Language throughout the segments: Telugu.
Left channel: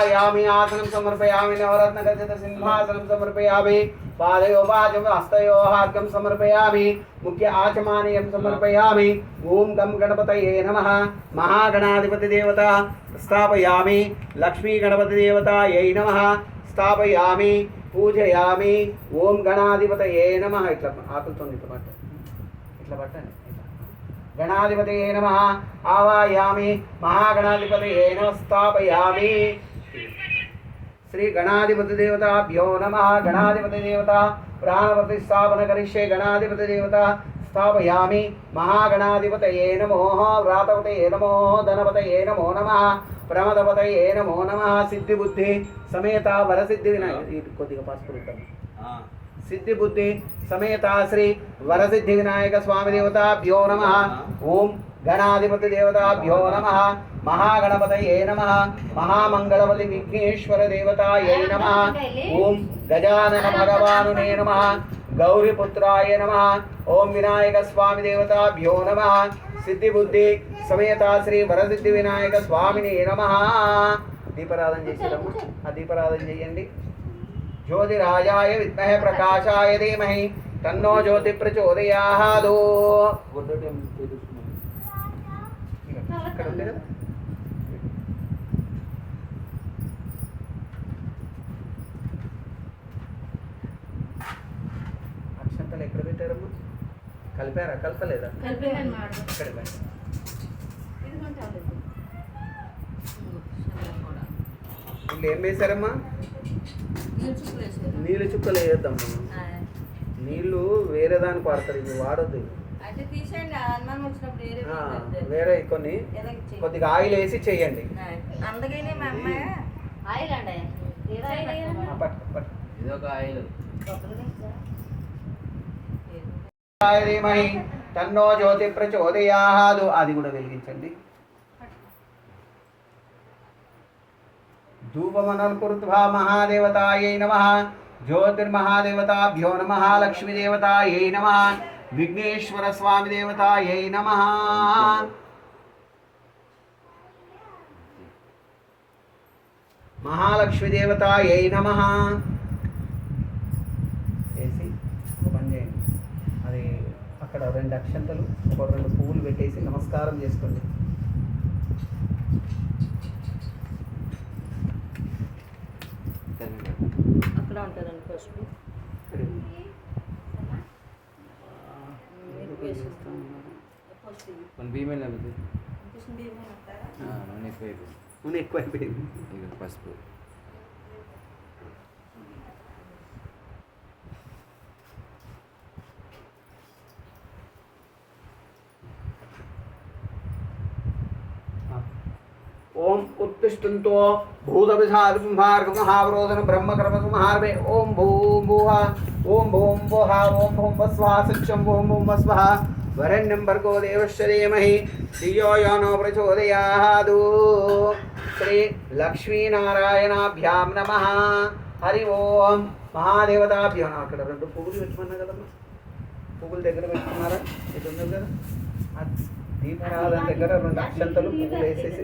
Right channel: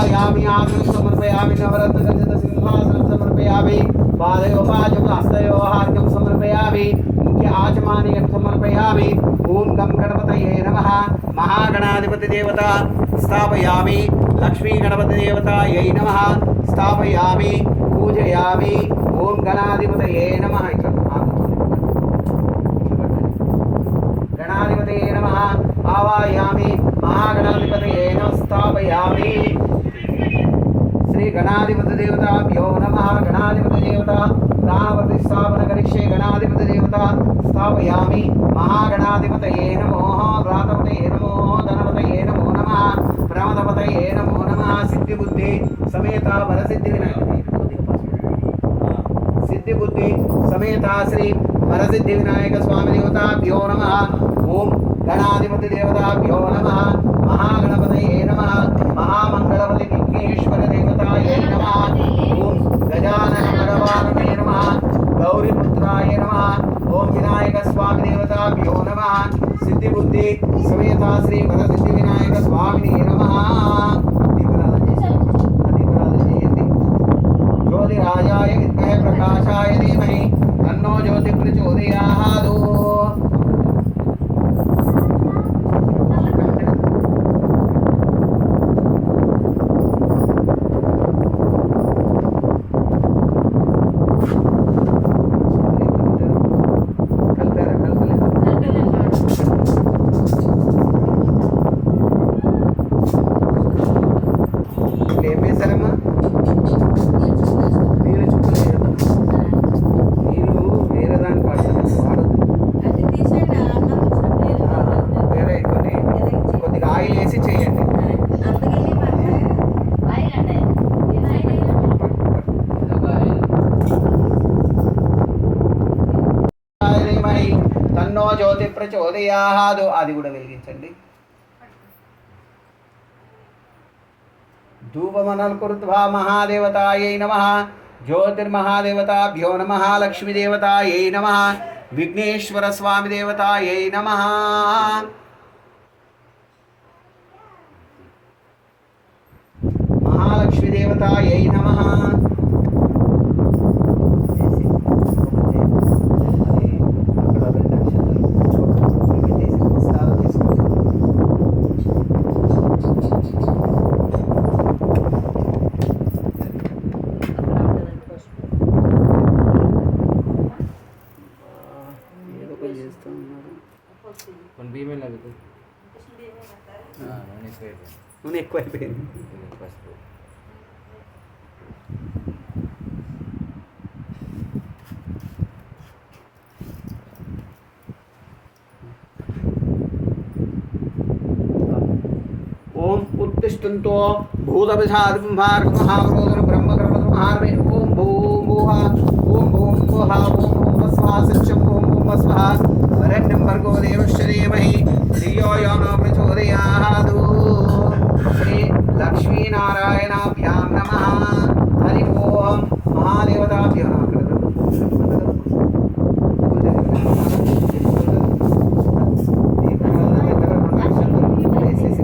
आवायामि आसनं समर्पयामि नवरत्नखचित सिंहासनं समर्पयामि पादयोपाजो हस्तयोः अर्घ्यं समर्पयामि मुख्य आचमानीयं समर्पयामि ओम गं गणपतये नमः महागणाधिपति देवता स्थापयामि लक्ष्मी गणपति देवतायै नमः स्थापयामि पूजयामि ओम गणाधिपतये नमः गणाधिपतये नमः आवायामि महागणाधिपतये नमः स्थापयामि श्री गणाधिपति देवताभ्यो नमः गणाधिपति देवता प्राणप्रतिष्ठापन करिष्ये गणाधिपति देवता स्थापयामि महागणाधिपतये नमो व्रातपतये नमो धनपतये नमो नमः प्रमदपतये नमो नमः सिद्धिबुद्धि समेता वरसिद्धि विनायक सिद्धिबुद्धि समेता श्री वरसिद्धि विनायक स्वामी देवताभ्यो नमः ओम गणाधिपति देवताभ्यो नमः महागणपतये नमः महामंगलपति विघ्नेश्वर देवतायै नमः ओम गजानन भगवानुने नमः गौरीपुत्राय नमः ओम विनायक स्वामी देवताभ्यो नमः सिद्धिबुद्धि समेता श्री वरसिद्धि विनायक स्वामिने नमः दीपाराधन చేయండి ज्योतिराजाय विद्महे प्रकाशाय धीमहि तन्नो ज्योति प्रचोदयात् నీళ్ళు చుక్కలు వేద్దాం నీళ్ళు వేరే దానికి వాడతాం వాడద్దు వేరే కొద్దిగా ఆయిల్ వేసి చేయండి తన్నో జ్యోతి ప్రచోదయాత్ అది కూడా వెలిగించండి धूपमनल कृत्वा महादेवतायै नमः ज्योतिर्महादेवताभ्यो नमः लक्ष्मीदेवतायै नमः विघ्नेश्वर स्वामी देवतायै नमः महालक्ष्मी देवतायै नमः नमस्कार నూనె ఎక్కువైపోయింది పసుపు ओम उत्तिष्ठन्तो भूतविषादिमहार्गमहावरोधन ब्रह्मकर्मसंहारवे ओम भूम भुवः ओम भूम भुवः ओम भूम स्वः सत्यं ओम भूम स्वः वरेण्यं भर्गो देवस्य धीमहि धियो यो न प्रचोदयात् श्री लक्ष्मी नारायणाभ्यां नमः हरि ओम महादेवताभ्यो नमः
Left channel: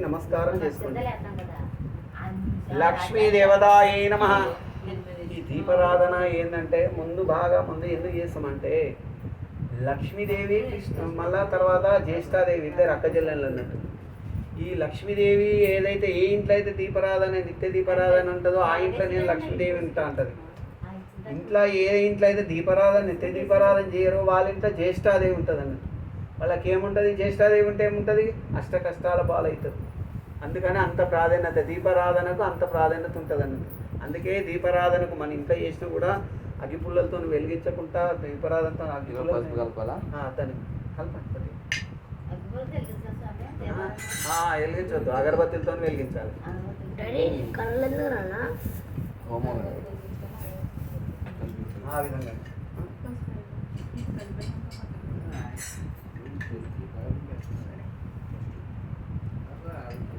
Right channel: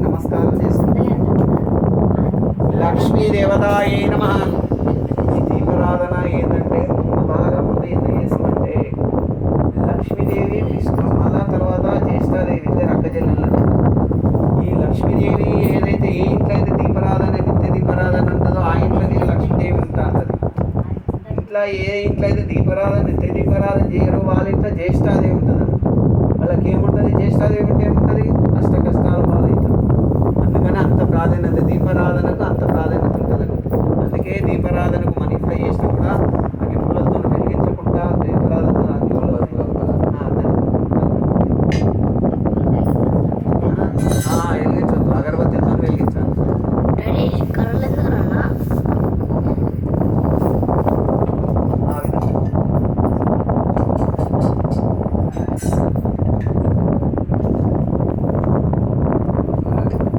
नमस्कार लक्ष्मी देवतायै नमः దీపారాధన ఏంటంటే ముందు బాగా ముందు ఎందుకు చేస్తామంటే లక్ష్మీదేవి విష్ణుమల తర్వాత జ్యేష్ఠాదేవి ఇద్దరు అక్క చెల్లెళ్ళు ఈ లక్ష్మీదేవి ఏదైతే ఏ ఇంట్లో అయితే దీపారాధన నిత్య దీపారాధన ఉంటుందో ఆ ఇంట్లో నేను లక్ష్మీదేవి ఉంటా అంటది ఇంట్లో ఏ ఇంట్లో అయితే దీపారాధన నిత్య దీపారాధన చేయరు వాళ్ళ ఇంట్లో జ్యేష్ఠాదేవి ఉంటుంది వాళ్ళకి ఏముంటుంది జ్యేష్ఠాదేవి ఉంటే ఏముంటుంది అష్ట కష్టాల పాలవుతుంది అందుకని అంత ప్రాధాన్యత దీపారాధనకు అంత ప్రాధాన్యత ఉంటుందండి అందుకే దీపారాధనకు మన ఇంట్లో చేసినా కూడా అగ్గి పుల్లలతో వెలిగించకుండా దీపారాధన అగ్గి వెలిగించొద్దు అగరబత్తితో వెలిగించాలి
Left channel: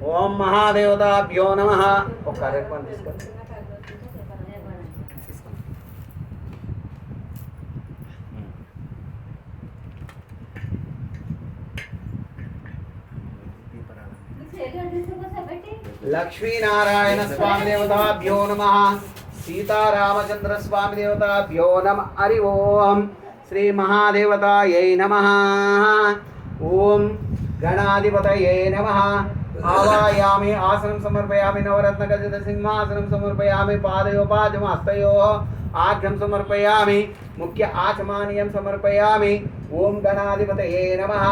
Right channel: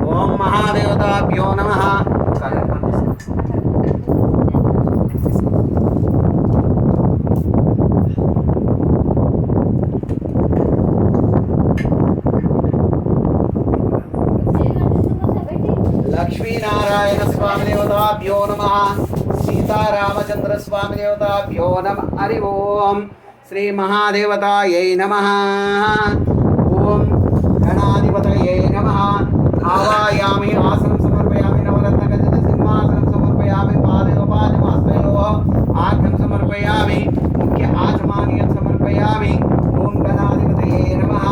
ओम महादेवताभ्यो नमः लक्ष्मी नारायण नारायण स्वामी देवताभ्यो नमः सीतारामचंद्र स्वामी देवताभ्यो नमः हरि ओम श्री महादेवतायै नमः ओम गणाधिपतये नमः आवायामि आसनं समर्पयामि नवरत्नखचित सिंहासनं समर्पयामि पादयोपादमस्तयोः आर्घ्यं समर्पयामि मुख्य आचमानीयं समर्पयामि ओम गणाधिपतये नमः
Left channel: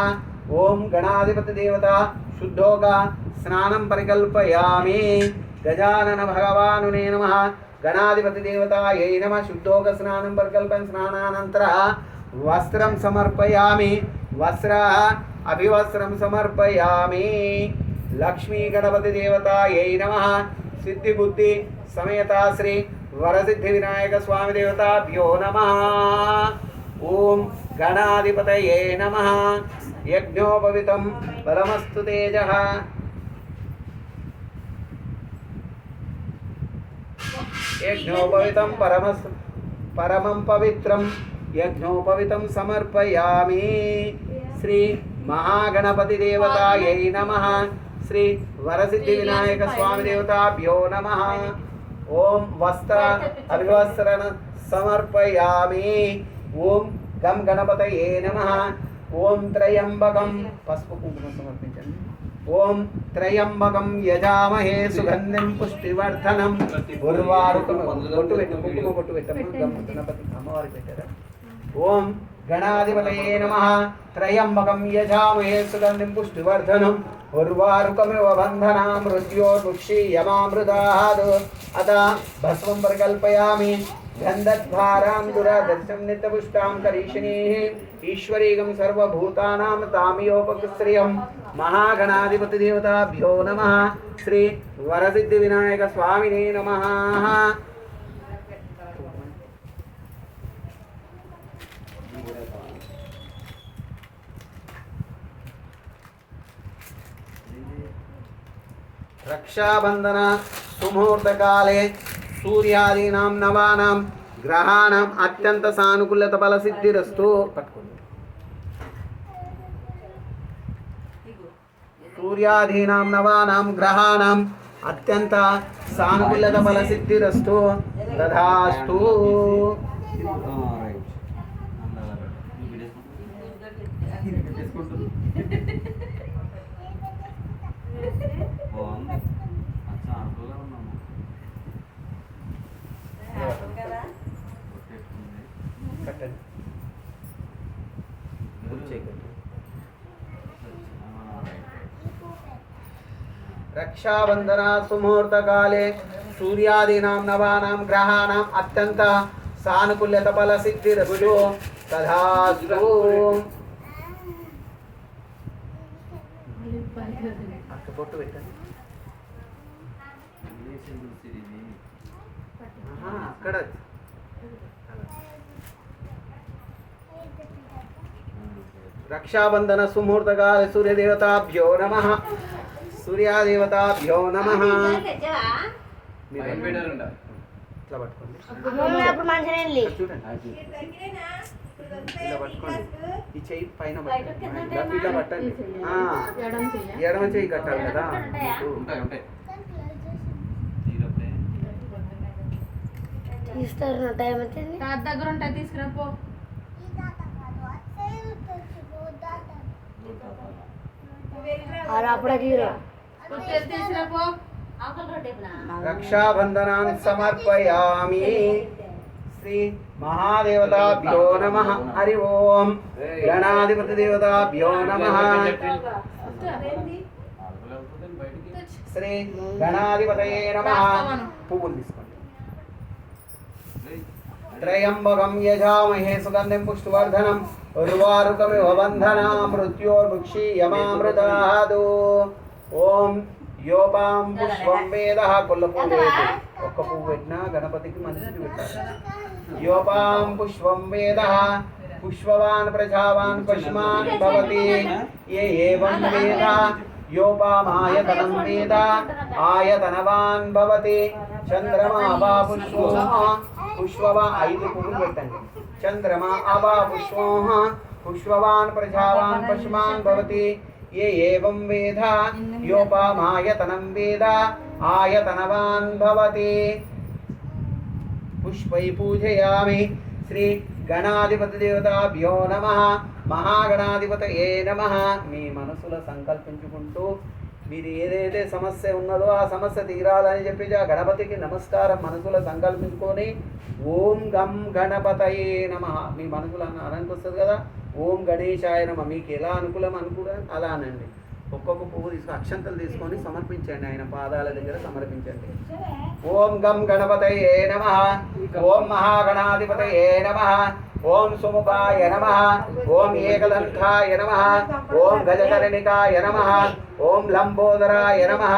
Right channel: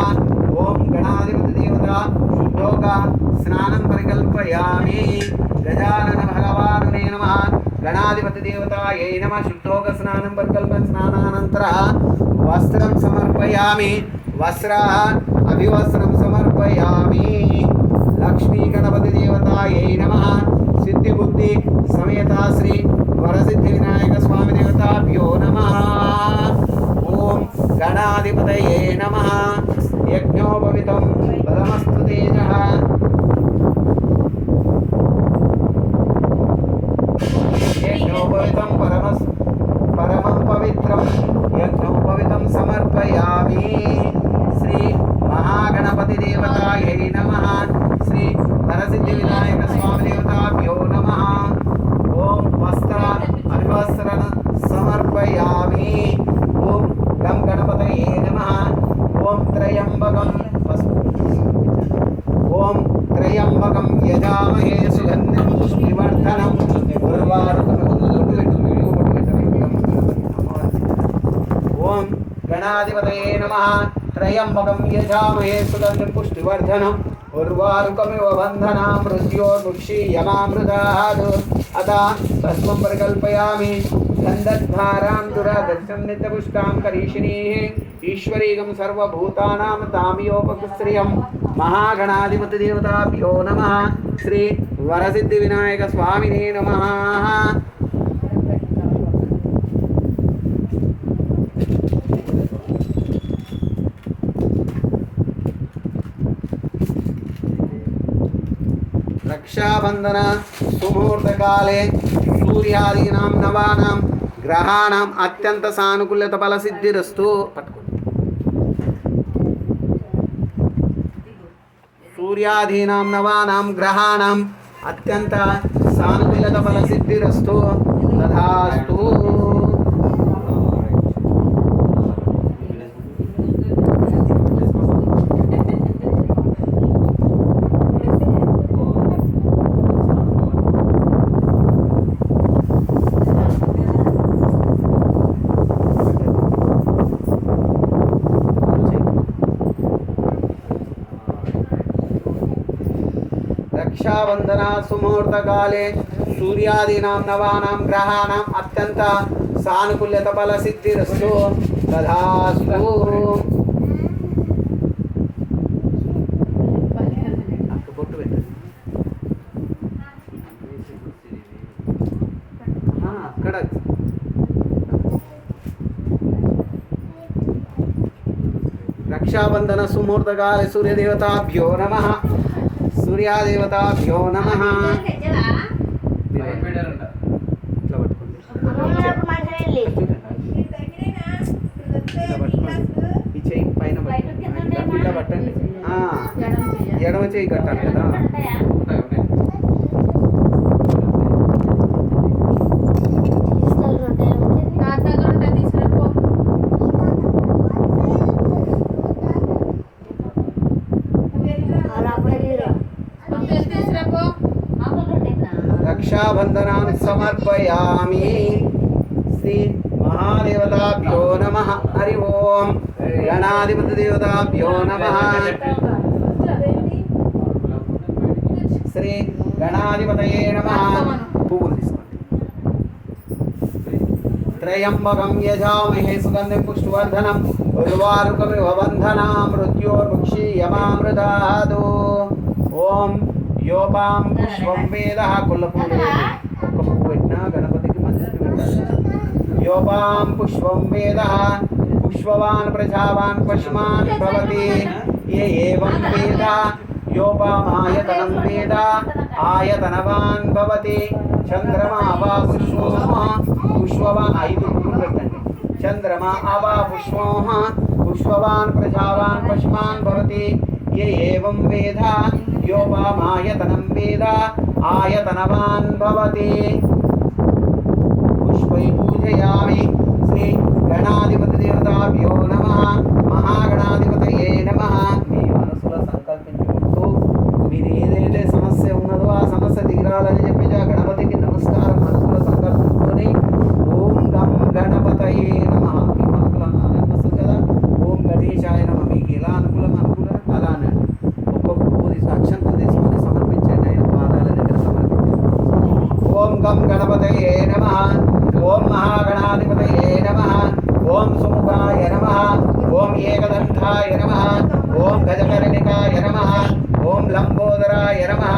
ओम गणाधिपति देवता शुद्धोगा स्नानं परिकल्पयामि गजानन भगवानुने नमः गणाधिपति देवतायै नमः शुद्धोग स्नानं परिकल्पन स्नानानन्तरं वस्त्रं समर्पयामि वस्त्र अभिवस्त्रं समर्पयामि लक्ष्मी गणपति देवतायै नमः सिद्धि बुद्धि समेता श्री वरसिद्धि विनायक स्वामी देवताभ्यो नमः ओम गणाधिपतये नमः यज्ञोपवीतं परमस्तु तेजः यज्ञोपवीतं परमं पवित्रं यज्ञोपवीतं समर्पयामि श्री महागणपति देवतायै नमः श्री वरसिद्धि विनायक स्वामी देवताभ्यो नमः ओम वस्त्र अभिवस्त्रं समर्पयामि ओम गं गणपतये नमः ओम त्रयंबकं ओम त्रयंबकं यजामहे सुगंधिं पुष्टिवर्धनम् ओम गणाधिपतये नमः त्रयंबकं यजामहे सुगंधिं पुष्टिवर्धनम् उर्वारुकमिव बन्धनां मृत्योर्मुक्षीयमामृतात् अतः भस्मं परिकल्पयामि गन्धद्वारां दुरादर्शं नित्यपुष्टां करीशिनीः ईश्वरीगं सर्वभूतानां तामियोपकुस्त्रियं महागणाधिपति देवताभ्यो नमः श्री वरसिद्धि विनायक स्वामिने नमः रक्षाबंधन सुमुहूर्त काले सूर्यादीनां नवानां ग्रहाणाम् अत्यंत सानुकूल्यत फल सिद्धिरस्तु सूर्यादीनां नवानां ग्रहाणाम् अत्यंत सानुकूल्यत फल सिद्धिरस्तु तथास्तु रक्षाबंधन सुमुहूर्त काले सूर्यादीनां नवानां ग्रहाणाम् अत्यंत सानुकूल्यत फल सिद्धिरस्तु तथास्तु रक्षाबंधन सुमुहूर्त काले सूर्य देवताभ्यो नमः सूर्यादेवताभ्यो नमः ఎడమ చేయి కట్టాలి కదా रक्षाबंधनान् समर्पयामि श्री महादेवताभ्यो नमः हरि ओम गणाधिपति देवताभ्यो नमः श्री गणाधिपतये नमः त्रयंबकं यजामहे सुगंधिं पुष्टिवर्धनम् उर्वारुकमिव बन्धनां मृत्योर्मुक्षीयमामृतात् ओम योपां पुष्पं वेदः कुल्लपुवेट्ना गणपतिకి మంచిది योपां पुष्पं वेदः पुष्पवान् प्रजावान् पशुमान् भवति ये एवं वेद योपामायतनं वेद आयतनवान् भवति चंद्रमा वा पुष्पोः पुष्पवान् ऐदु పెట్టండి चंद्रमा अवा पुष्पोः पुष्पवान् प्रजावान् पशुमान् भवति ये एवं वेद योपामायतनं वेद आयतनवान् भवति। पुष्पै पूजयामि। श्री गणाधिपति देवताभ्यो नमः। महागणाधिपतये नमः। మీ మనసులో సంకల్పించుకుంటూ మీరు ఏదైతే సమస్య ఉన్నదో ఆ సమస్య తీరాలని చెప్పి ఆ గణపతికి నమస్కారం మనసులో సంకల్పించుకొని ఓం గం గణపతయే నమః మీ మనసులో అనిపిస్తుంది కదా, ఓం గణేశాయ నమః. మీకు ఎలా అనుకూలం అలా అనండి. ఒక్కొక్క పువ్వు అక్షంతం తీసుకొని సమర్పించండి, ఆయన పాదాల దగ్గర సమర్పించండి. ఓం గం గణపతయే నమః. ఓం మహాగణాధిపతయే నమః. ఓం సుముఖాయ నమః. ఓం ఏకదంతాయ నమః. ఓం గజకర్ణికాయ నమః. ఓం లంబోదరాయ నమః.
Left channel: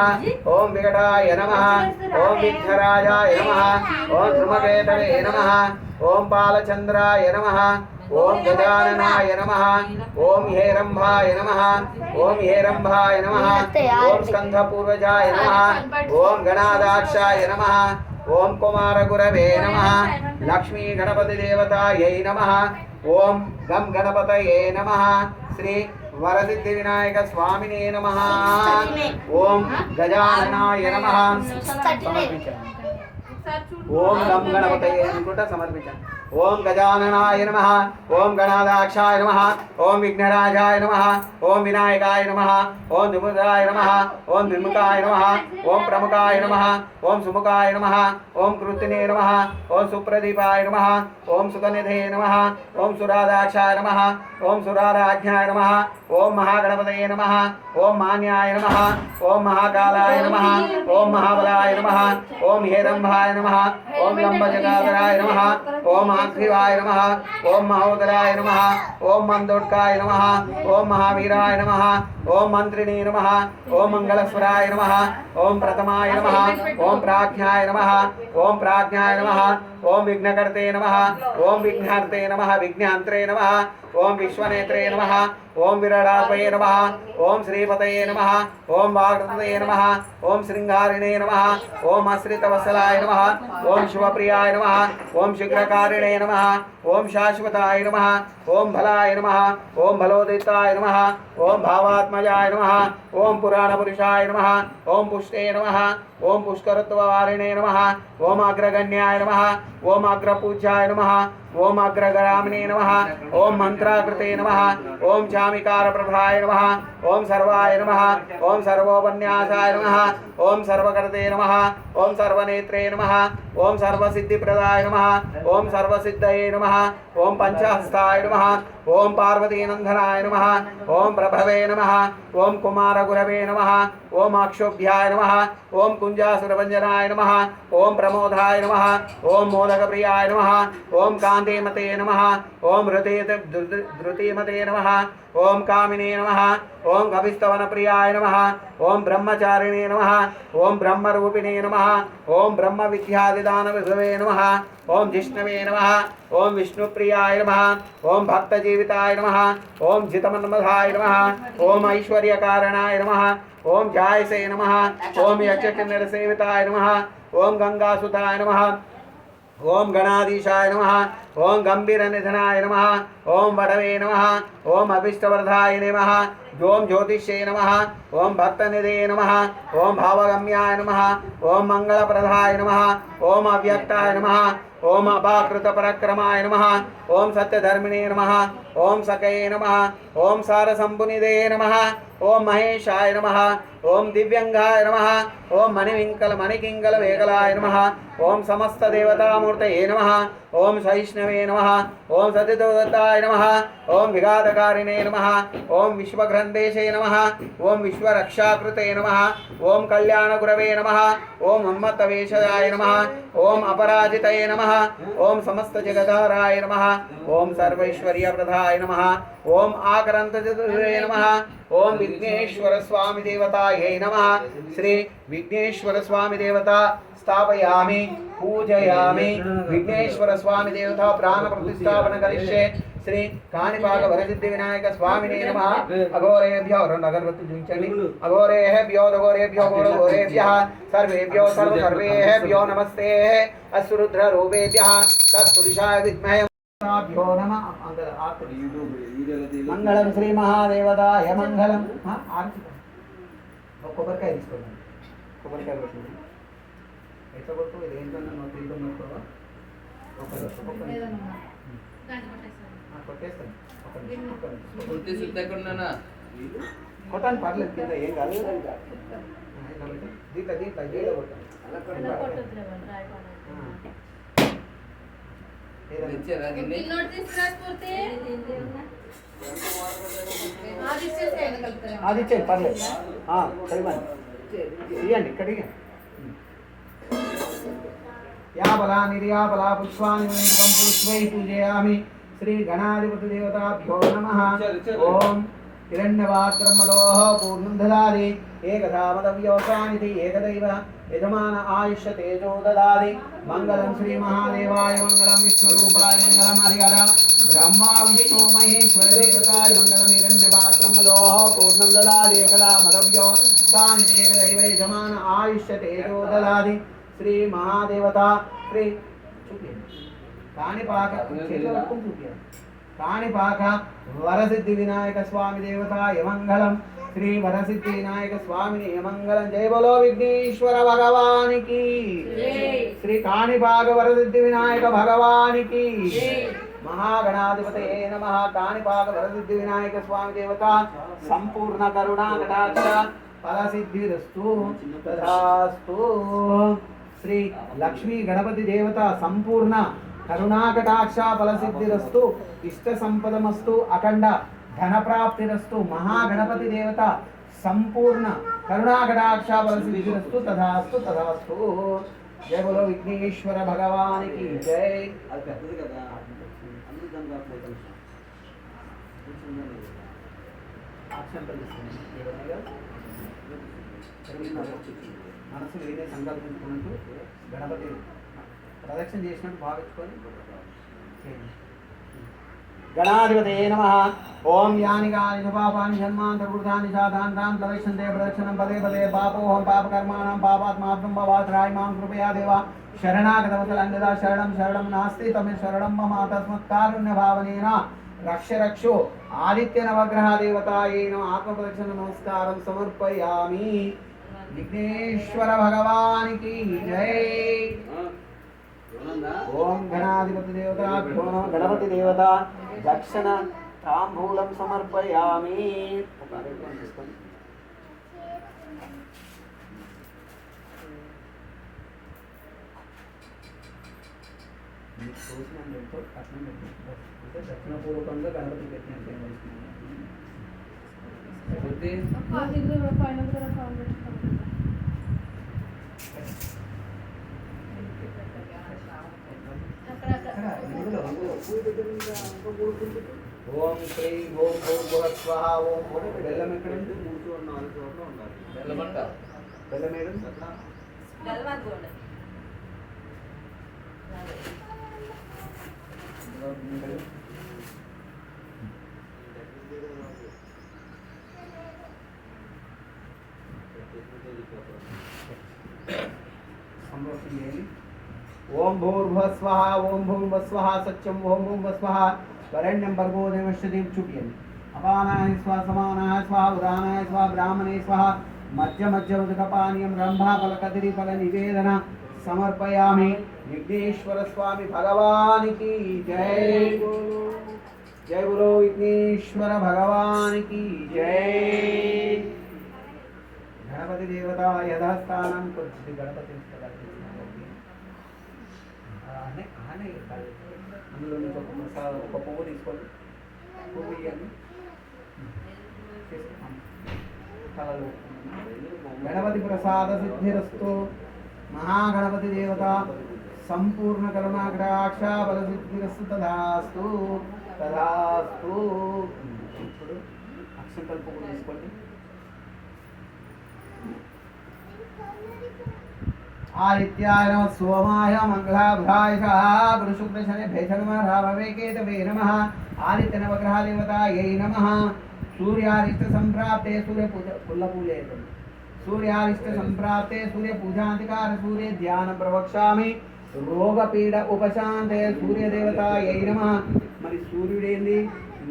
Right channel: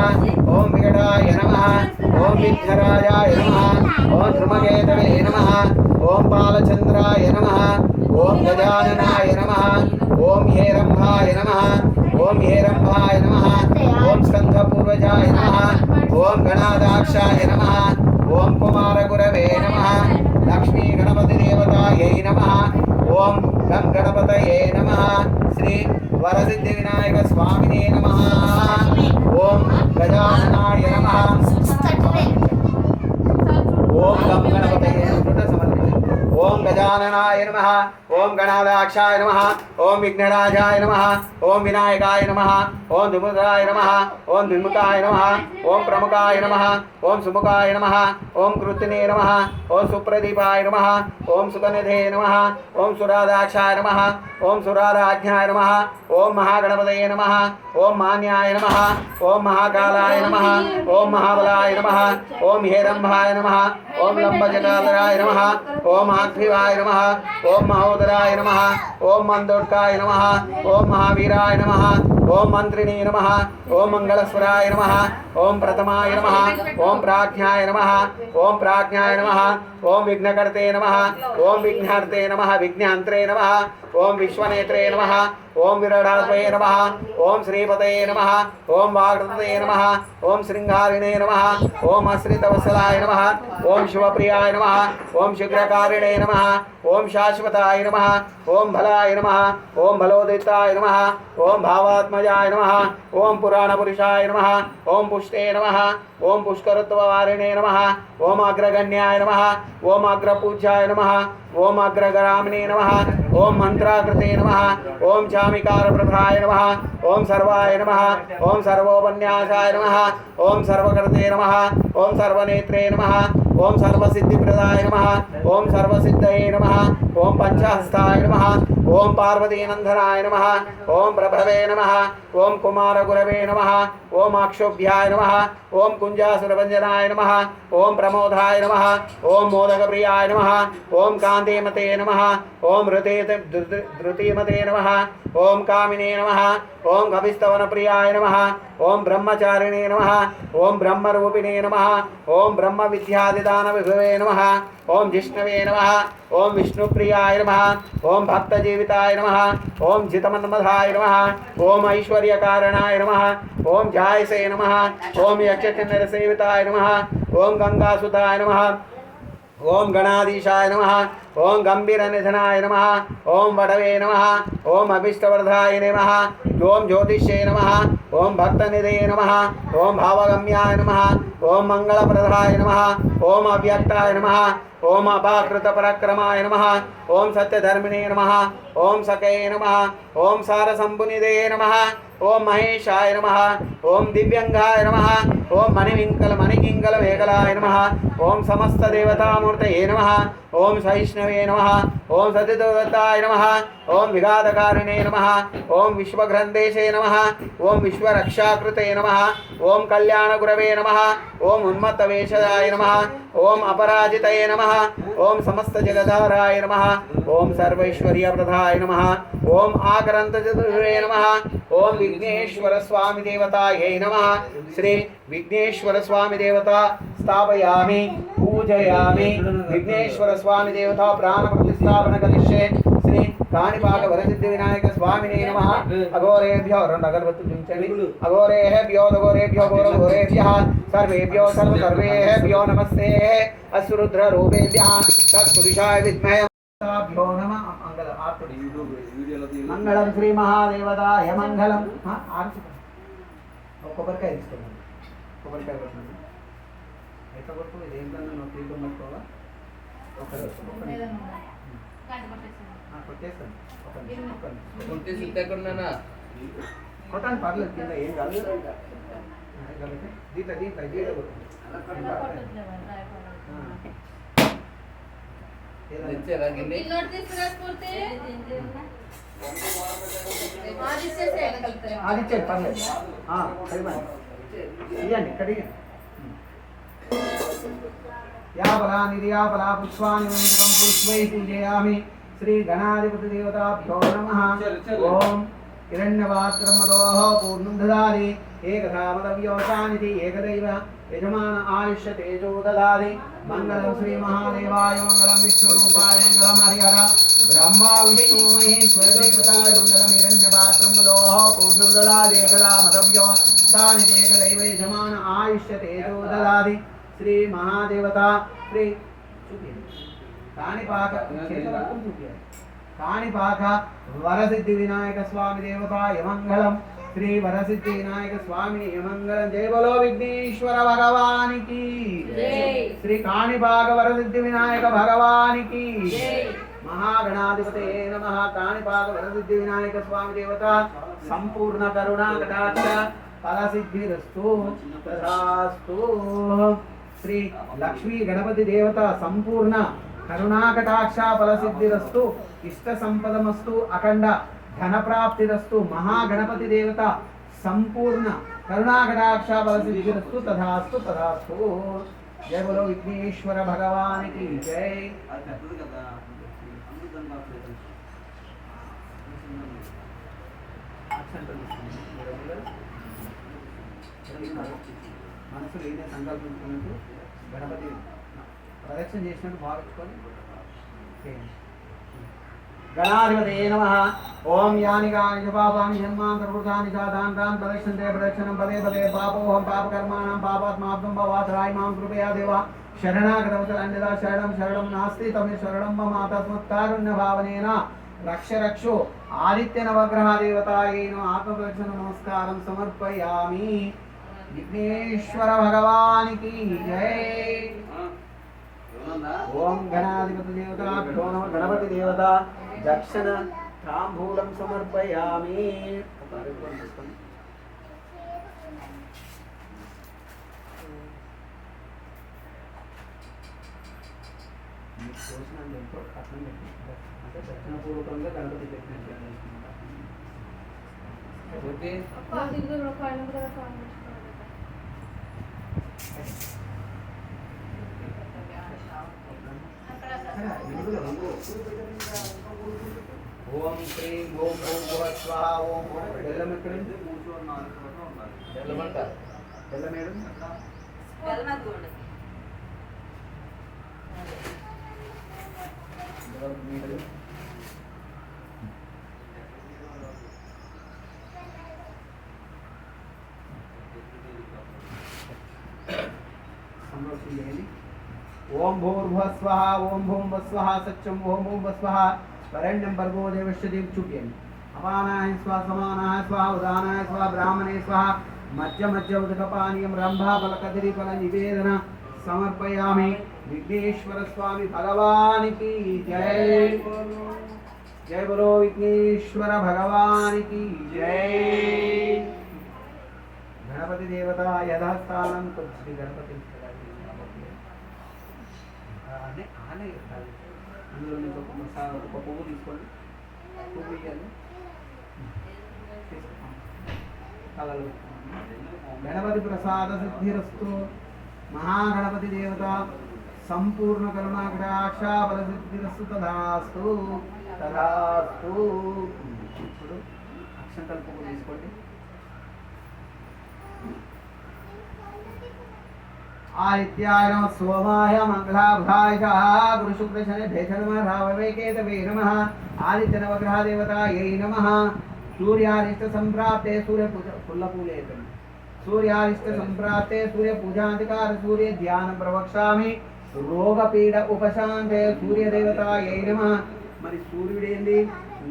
ఓం వికటాయ నమః. ఓం విఘ్నరాజాయ నమః. ఓం ధృమకేతవే నమః. ఓం బాలచంద్రాయ నమః. ఓం గజాననాయ నమః. ఓం హేరంభాయ నమః. ఓం హేరంభాయ నమః. ఓం స్కంధపూర్వజాయ నమః. ఓం గణాదాక్షాయ నమః. ఓం కుమారగురవే నమః. లక్ష్మీ గణపతి దేవతాయై నమః. ఓం గం గణపతయే నమః. శ్రీ వరసిద్ధి వినాయక స్వామినే నమః. ఓం గజాననాయ నమః. ఓం గం గణపతయే అనుకుంటా సమర్పించండి. ఓం గజాననాయ నమః. ఓం గణాదాక్షాయ నమః. ఓం విఘ్నరాజాయ నమః. ఓం వినాయకాయ నమః. ఓం దుముదాయ నమః. ఓం విముఖాయ నమః. ఓం ప్రముఖాయ నమః. ఓం సుముఖాయ నమః. ఓం కృత్తినే నమః. ఓం సుప్రదీపాయ నమః. ఓం సుగనిధే నమః. ఓం సురాదాక్షాయ నమః. ఓం సురారాజ్ఞాయ నమః. ఓం మహాగణపతయే నమః. ఓం మాన్యాయ నమః. ఓం మహాకాలాయ నమః. ఓం మహాబలాయ నమః. ఓం హేరంభాయ నమః. ఓం లంబజటాధరాయ నమః. ఓం ఆగ్రీవాయ నమః. ఓం మహోదరాయ నమః. ఓం మందోడ్కాయ నమః. ఓం మహావీరాయ నమః. ఓం మంత్రిణే నమః. ఓం మంగళస్వరాయ నమః. ఓం ప్రథమాయ నమః. ఓం ప్రాజ్ఞాయ నమః. ఓం ప్రాజ్ఞాయ నమః. ఓం విఘ్నకర్తే నమః. ఓం విఘ్నార్తే నమః. విఘ్నాంత్రే నమః. ఓం విశ్వనేత్రే నమః. ఓం విరాడాత్మయే నమః. ఓం శ్రీపతయే నమః. ఓం వాగృతయే నమః. ఓం శృంగారిణే నమః. ఓం ఆశ్రితవత్సలాయ నమః. ఓం శివప్రియాయ నమః. ఓం శుక్రకారిణే నమః. ఓం శాశ్వతాయ నమః. ఓం బలాయ నమః. ఓం బలోదితాయ నమః. ఓం భావాత్మజాయ నమః. ఓం పురాణపురుషాయ నమః. ఓం పుష్టే నమః. ఓం పుష్కరత్వవారిణే నమః. ఓం అగ్రగణ్యాయ నమః. ఓం అగ్రపూజ్యాయ నమః. ఓం అగ్రగరామినే నమః. ఓం మంత్రాకృతే నమః. ఓం చామికారప్రభాయ నమః. ఓం సర్వాయ నమః. ఓం సర్వోపన్యాసాయ నమః. ఓం సర్వకర్తే నమః. ఓం సర్వనేత్రే నమః. ఓం సర్వసిద్ధిప్రదాయ నమః. ఓం సర్వసిద్ధయే నమః. ఓం పంచహస్తాయ నమః. ఓం పార్వతీనందనాయ నమః. ఓం ప్రభవే నమః. ఓం కుమారగురవే నమః. ఓం అక్షోభ్యాయ నమః. ఓం కుంజాసురభంజనాయ నమః. ఓం ప్రమోదాయ నమః. ఓం మోదకప్రియాయ నమః. ఓం కాంతిమతే నమః. ఓం ధృతిమతే నమః. ఓం కామినే నమః. ఓం కవిస్తవనప్రియాయ నమః. ఓం బ్రహ్మచారిణే నమః. ఓం బ్రహ్మరూపిణే నమః. ఓం బ్రహ్మ విద్యాదిదాన విభవే నమః. ఓం జిష్ణవే నమః. ఓం విష్ణుప్రియాయ నమః. ఓం భక్తజీవితాయ నమః. ఓం జితమన్మధాయ నమః. ఓం ఐశ్వర్యకారణాయ నమః. ఓం జాయసే నమః. ఓం యక్షకిన్నరసేవితాయ నమః. ఓం గంగాసుతాయ నమః. ఓం గణాధీశాయ నమః. ఓం గంభీరనిధనాయ నమః. ఓం వడవే నమః. ఓం అభిష్టవర్ధాయ నమః. ఓం జ్యోతిష్యే నమః. ఓం భక్తనిధే నమః. ఓం భావగమ్యాయ నమః. ఓం మంగళప్రదాయ నమః. ఓం అవ్యక్తాయ నమః. ఓం అపాకృతపరక్రమాయ నమః. ఓం సత్యధర్మిణే నమః. ఓం సకయే నమః. ఓం సారసంభునిధే నమః. ఓం మహేశాయ నమః. ఓం దివ్యంగాయ నమః. ఓం మణికింకల వేగలాయ నమః. ఓం సమస్త దేవతామూర్తయే నమః. ఓం సహిష్ణవే నమః. ఓం సతిదత్తాయ నమః. ఓం విఘాతకారిణే నమః. ఓం విశ్వగ్రంథేశే నమః. ఓం విశ్వరక్షాకృతే నమః. ఓం కళ్యాణగురవే నమః. ఓం ఉన్మత్తవేషదాయ నమః. ఓం అపరాజితయే నమః. ఓం సమస్త జగదారాయ నమః. ఓం సర్వైశ్వర్యప్రదాయ నమః. ఓం ఆకరంతచతుర్వే నమః. ఓం విఘ్నేశ్వర స్వామి దేవతాయై నమః. శ్రీ విఘ్నేశ్వర స్వామి దేవత స్థాపయామి, పూజయామి. విఘ్నేశ్వర స్వామి దేవత ప్రాణ ప్రతిష్టాపన కరిష్యే. శ్రీ కాణిపాక వరసిద్ధి వినాయక స్వామినే నమః. అఘోరేభ్యో రెండు అగరబత్తులు చూపించండి. అఘోరేభ్యో దఘోరేభ్యో ఘోరఘోరేభ్యః సర్వేభ్యో సర్వేభ్యో నమస్తే. అసురుద్ర రూపేభ్యః తత్పురుషాయ విద్మహే భ్యో నమః. మంగళం శ్రీ మహాదేవతాయ మంగళం. ఆర్తి కొబ్బరికాయ తీసుకోండి. కొబ్బరికాయ కొట్టింది అయితే కొట్టు ఇది ఏంటన్నా నువ్వు తింటూ నొక్కవా కొట్టేస్తాను కొట్టాను పర్లేదు కింద ఏం కాదు దీంట్లో దీంట్లో దీంట్లో కొట్టాను అది ఇచ్చేది పర్లేదు సరిపోయింది ఇవ్వండి ఇక్కడ या बला निर्या बला पुष्पाणि वैदिकं पुष्पैः पूजयामि श्री गणाधिपति देवताभ्यो नमः ओम हिरण्यवात्रमदोः पूर्णं ददाति एकधा मदव्योचानिति एकदैव यजमान आयुष्य तेजो ददाति मंगलं श्री महादेवाय मंगलं विष्णुरूपाय मंगलं हरिहर ब्रह्मा विष्णु महेश्वर देवताय मंगलं हिरण्यवात्रमदोः पूर्णं ददाति एकधा मदव्योचानिति एकदैव यजमान आयुष्य तेजो ददाति श्री महादेवता श्री काणिपाक काणिपाक वरसिद्धि विनायक स्वामी देवता यमंगलम श्री वरसिद्धि विनायक स्वामी यमंगलम जय बोलो विघ्नेश्वर भगवान की श्री काणिपाक वरसिद्धि विनायक भगवान की महागणाधिपतये नमः काणिपाक वरसिद्धि विनायक स्वामी देवता संपूर्ण करुणा कटाक्ष फलसिद्धिरस्तु तथास्तु श्री लक्ष्मी गणपति देवता संपूर्ण करुणाकटाक्ष फलसिद्धिरस्तु इष्ट संपदमस्तु अखंड धन प्राप्तिरस्तु महागणपति देवता संपूर्ण करुणाकटाक्ष फलसिद्धिरस्तु तथास्तु तथास्तु जय बोलो विघ्नेश्वर भगवान की जय మనసు నేనే సంకల్పించుకున్నట్టు గణపతి ప్రదక్షిణ చేసినట్టు భావించుకొని गणाधिपतये नमः ओम यानि कानि च पापानि जन्मान् प्रवृत्तानि जातानि तान् प्रदक्षिणते प्रदक्षिणं पदे पदे पापोऽहं पापकर्माणां पापात्मात्मं भवात्राय मां कृपया देव शरणागतवचल अन्यथा शरणं शरणं नास्ति तमे शरणं मम तस्मत्कारुण्यभावनेन रक्ष रक्षो आदित्य नवग्रह देवतायै नमः आत्मप्रदक्षिण नमस्कारं समर्पयामि विघ्नेश्वर भगवान की जय ओम गणाधिपति देवता गणपति देवता दक्षिण तांबूलं समर्पयामि दक्षिण पूर्वకంగా గణపతి పెట్టినట్టు ओम श्री ओम भूर्भुवः स्वाहा ओम ओम బెల్లం ఎక్కడండి బెల్లం అంట బెల్లం ఏడు సంరక్షణ ओम भूर्भुवः स्वाहा ओम भूं वस्वः सत्यं ओम भूं वस्वः वरेण्यं भर्गो देवस्य दीप्चुप्यम् अपानाय स्वाहा समानाय स्वाहा उदानाय स्वाहा ब्राह्मणे स्वाहा मध्य मध्य उदकपानीयं रंभा फलकदरी फल निवेदन समर्पयामि विघ्नेश्वर स्वामी भगवान की जय जय बोलो विघ्नेश्वर भगवान की जय गणपति देवता यथास्थानं कुर्वन्ति गणपति అందులో నుంచి ఒక పువ్వు తీసుకోండి పువ్వు ఇవ్వండి కళలు గణపతి ప్రసాద సిద్ధిరస్తు महागणपति देवता संपूर्ण करुणाकटाक्ष बल सिद्धिरस्तु तथास्तु तथास्तु अक्षंतल पुవ్వు తీసుకోండి आदित्याय नमः सोमाय मंगलाभ्याय गुरुशुक्रशने भेषणमः राववेकेतवे नमः आदित्य नवग्रह देवतायै नमः सूर्यारिष्ट संप्राप्ते सूर्य पुल्लपूले सूर्यारिष्ट संप्राप्ते सूर्य पूजाधिकार सूर्य ध्यान प्रवक्ष्यामि रोग पीड़ उपशांते सूर्य देवतायै नमः మరి సూర్యుడేంది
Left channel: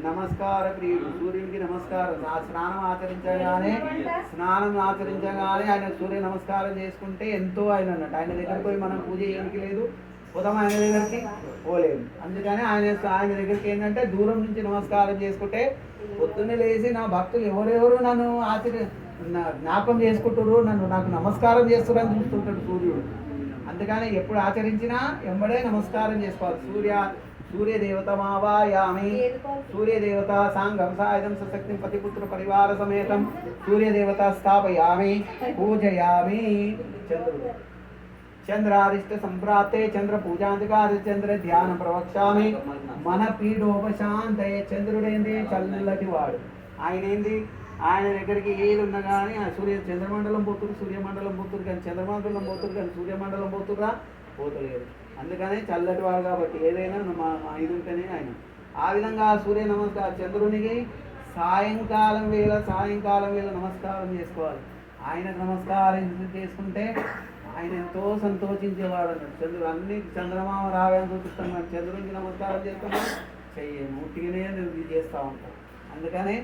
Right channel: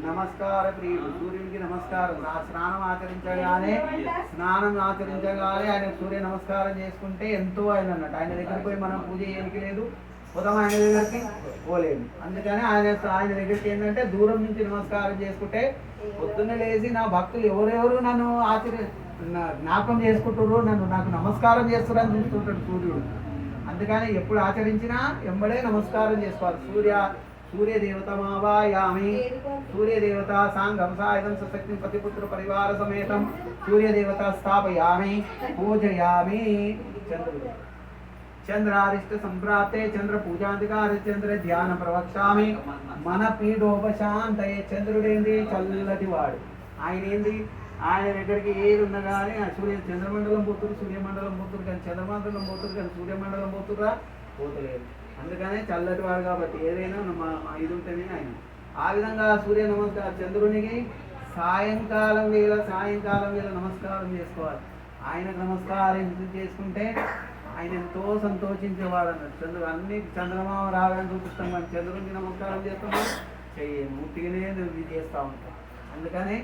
నమస్కార ప్రియుడు, సూర్యుడికి నమస్కారం. ఆ స్నానం ఆచరించగానే ఆయన సూర్య నమస్కారం చేసుకుంటే ఎంతో ఆయన అన్నట్టు. ఆయన దగ్గరికి పోయి మనం పూజ చేయడానికి లేదు, ఉదయం ఆయన దగ్గరికి పోలేము. అందుకని ఆయన దగ్గరికి ఏంటంటే దూరం నుంచి నమస్కారం చేసుకుంటే పొద్దున్నే లేచి నా భక్తులు ఎవరెవరు నన్ను జ్ఞాపకం చేసుకుంటుర్రు, నాకు నమస్కారం చేస్తున్నారు అని చూస్తుంటాడు సూర్యుడు. అందుకని ఎప్పుడు ఆచరించినా ఎంబడే నమస్కారం చేసుకోవాలి. సూర్యదేవత మావాయామి, సూర్యదేవత సాంగం సాయుధం సశక్తి పతిపుత్ర పరివార సమేతం సూర్యదేవత స్థాపయామి పూజయామి. చంద్రుడు చంద్రారిష్ట సంప్రాప్తే చంద్ర పూజాంతికారి చంద్ర ధ్యానం ప్రవక్ష్యామి మన పీడోపశాంతయే. చంద్రుడేంది చల్లటి వాడు. ఆయన ఏంది, ఆయన దగ్గరికి ఏది ఉన్నా కానీ చంద్రమండలం పోతురు, సూర్యమండలం పోతురు, కానీ చంద్రమండలం పోతురు కానీ సూర్యమండలం పోతురా పోతలేరు. అందుకనే చల్లటి వాడు కాబట్టి ఏదైనా మా ఇది ఉంటేనే ఆయన. ఆ విధంగా సూర్య నమస్కారం చంద్రునికి సాయంకాలం వేళ నమస్కారం చేసుకోవాలి. ఆయనకు నమస్కారం చేసుకుంటే ఆయన ఎంతో సంతోషించేవాడు అన్నట్టు. చంద్రుడు అన్ని చంద్రమామ రావాలని చూపిస్తాం, కానీ చంద్రునికి నమస్కారం చేసుకున్నా చెయ్యము, ఉట్టిగానే ఇది చేస్తూ ఉంటాం. అందుకనే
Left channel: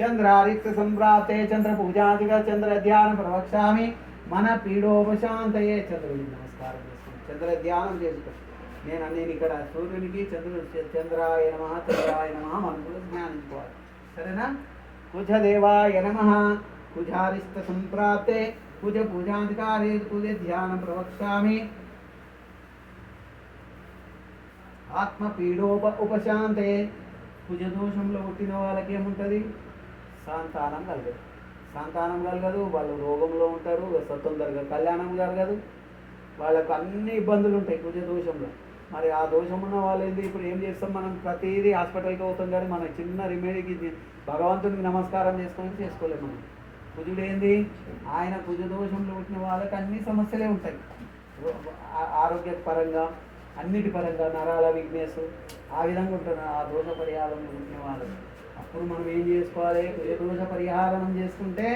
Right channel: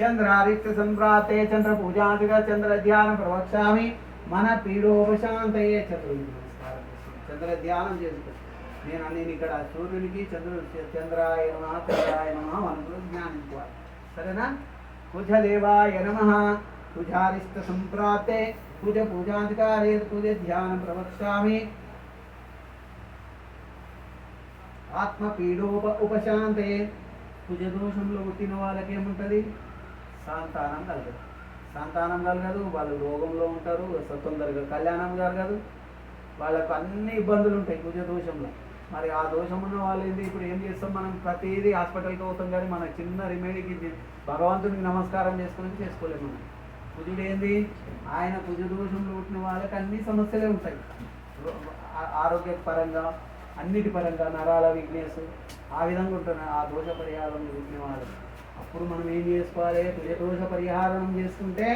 చంద్రారిక్త సంప్రాప్తే చంద్ర పూజాదిగా చంద్ర ధ్యానం ప్రవక్ష్యామి మన పీడోపశాంతయే. చంద్రునికి నమస్కారం చేసుకుంటాను, చంద్ర ధ్యానం చేసుకుంటాను. నేను ఇక్కడ సూర్యునికి చంద్రాయ నమః మనసులో జ్ఞానించుకోవాలి. సరేనా? కుజదేవాయ నమః, కుజారిష్ట సంప్రాప్తే కుజ పూజాధికారే కుజ ధ్యానం ప్రవక్ష్యామి ఉపశాంతే. కుజ దోషంలో పుట్టిన వాళ్ళకి ఏముంటుంది? సంతానం కలగదు, వాళ్ళు రోగంలో ఉంటారు, తొందరగా కళ్యాణం జరగదు, వాళ్ళకు అన్ని ఇబ్బందులు ఉంటాయి కుజ దోషంలో. మరి ఆ దోషం ఉన్న వాళ్ళు ఏంటి? ఇప్పుడు ఏం చేస్తాం మనం? ప్రతిదీ హాస్పిటల్కి అవుతాం, కానీ మన చిన్న రెమెడీకి భగవంతునికి నమస్కారం చేసుకోలేము మనం. కుజుడు ఏంది? ఆయన కుజ దోషంలో పుట్టిన వాళ్ళకి అన్ని సమస్యలే ఉంటాయి, ఆరోగ్య పరంగా అన్నిటి పరంగా, నరాల వీక్నెస్ ఆ విధంగా ఉంటుంది ఆ దోష పరిహారం పుట్టిన వాళ్ళు. అప్పుడు మనం ఏం చేసుకోవాలి? కుజ దోష పరిహారం చేసుకుంటే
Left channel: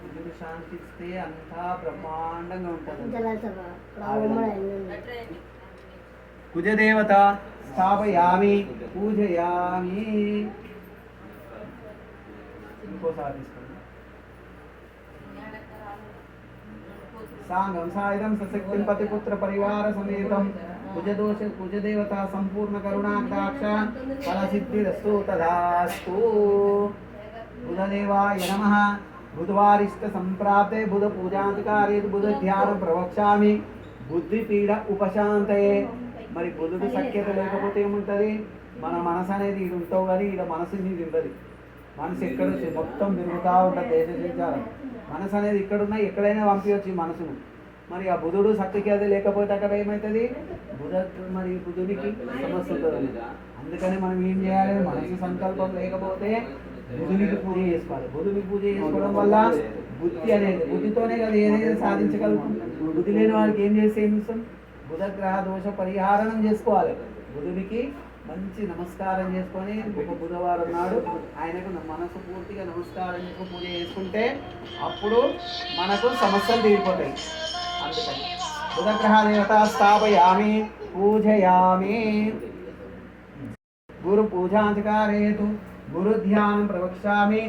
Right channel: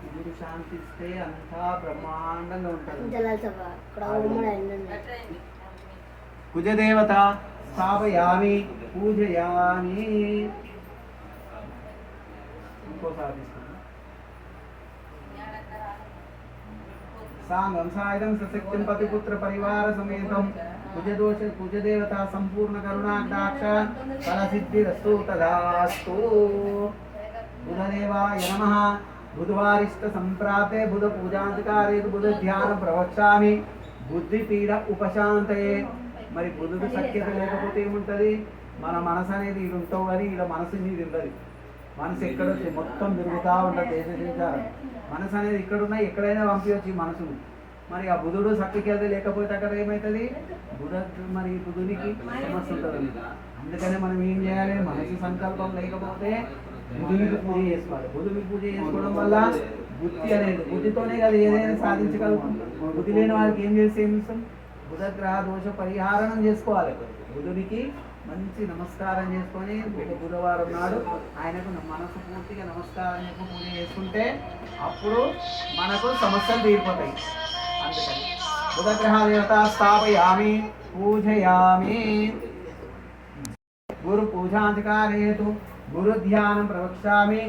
కుజుడు శాంతిస్తే అంతా బ్రహ్మాండంగా ఉంటుంది. కుజదేవత స్థాపయామి పూజయామి. ఇంకోసారి సాంగం సాయుధం సశక్తిం పతిపుత్ర పరివార సమేతం కుజదేవత సంపూర్ణ కరుణాకటాక్ష ఫలసిద్ధిరస్తు తదాస్తు. బుధదేవాయ నమః, బుధవారిష్ట సంప్రాప్తే బుధ పూజాంతకారే బుధ ధ్యానం ప్రవక్ష్యామి బుద్ధిపీడ ఉపశాంతయే. మరి బుధుడు సఖ్యత లేకపోతే ఏముంటుంది? మన మనసు అనేది ఇది ఉంటావు, కానీ ఇలా మనసు మీద ఉంటుంది. మనసు ఎక్కడ మొత్తం తిరుగుతూ ఉంటుంది, దేశం మనసు అనేది ఇక్కడున్నా ఎక్కడైనా పంపించవచ్చు ఈ మనసును. మరి ఆ బుధుడు సఖ్యత లేకపోతే అక్కడ ఏమవుతుంది? బుధునికి సమస్య ఉంటుంది. అందుకని మనం ఏం చేయాలి? మనసు సంకల్పం లేకపోతే బుధునికి పూజ చేసుకోవాలి. బుధునికి పూజ చేసుకోవడం వల్ల బుద్ధి అనేది, బుద్ధితోనే కదా ఏదైనా సాధించగలుగుతాం. బుద్ధి లేని వాళ్ళకి ఏం చేస్తే ఏమిస్తాం? బుధగ్రహ దోష పరిహారం చేసుకోవాలి. బుధునికి మంచి నమస్కారం చేసుకొని ఒక బుధవారం నాడు ఆయనకు మనసు పూర్తిగా నమస్కారం చేసి పూజ చేసుకుంటే అప్పుడు మనకు సమస్యలు తీరిపోతాయి. అందుకని బుధగ్రహ దేవత స్థాపయామి పూజయామి. గురు పూజాధికారేతు గురు ధ్యానం ప్రవక్ష్యామి.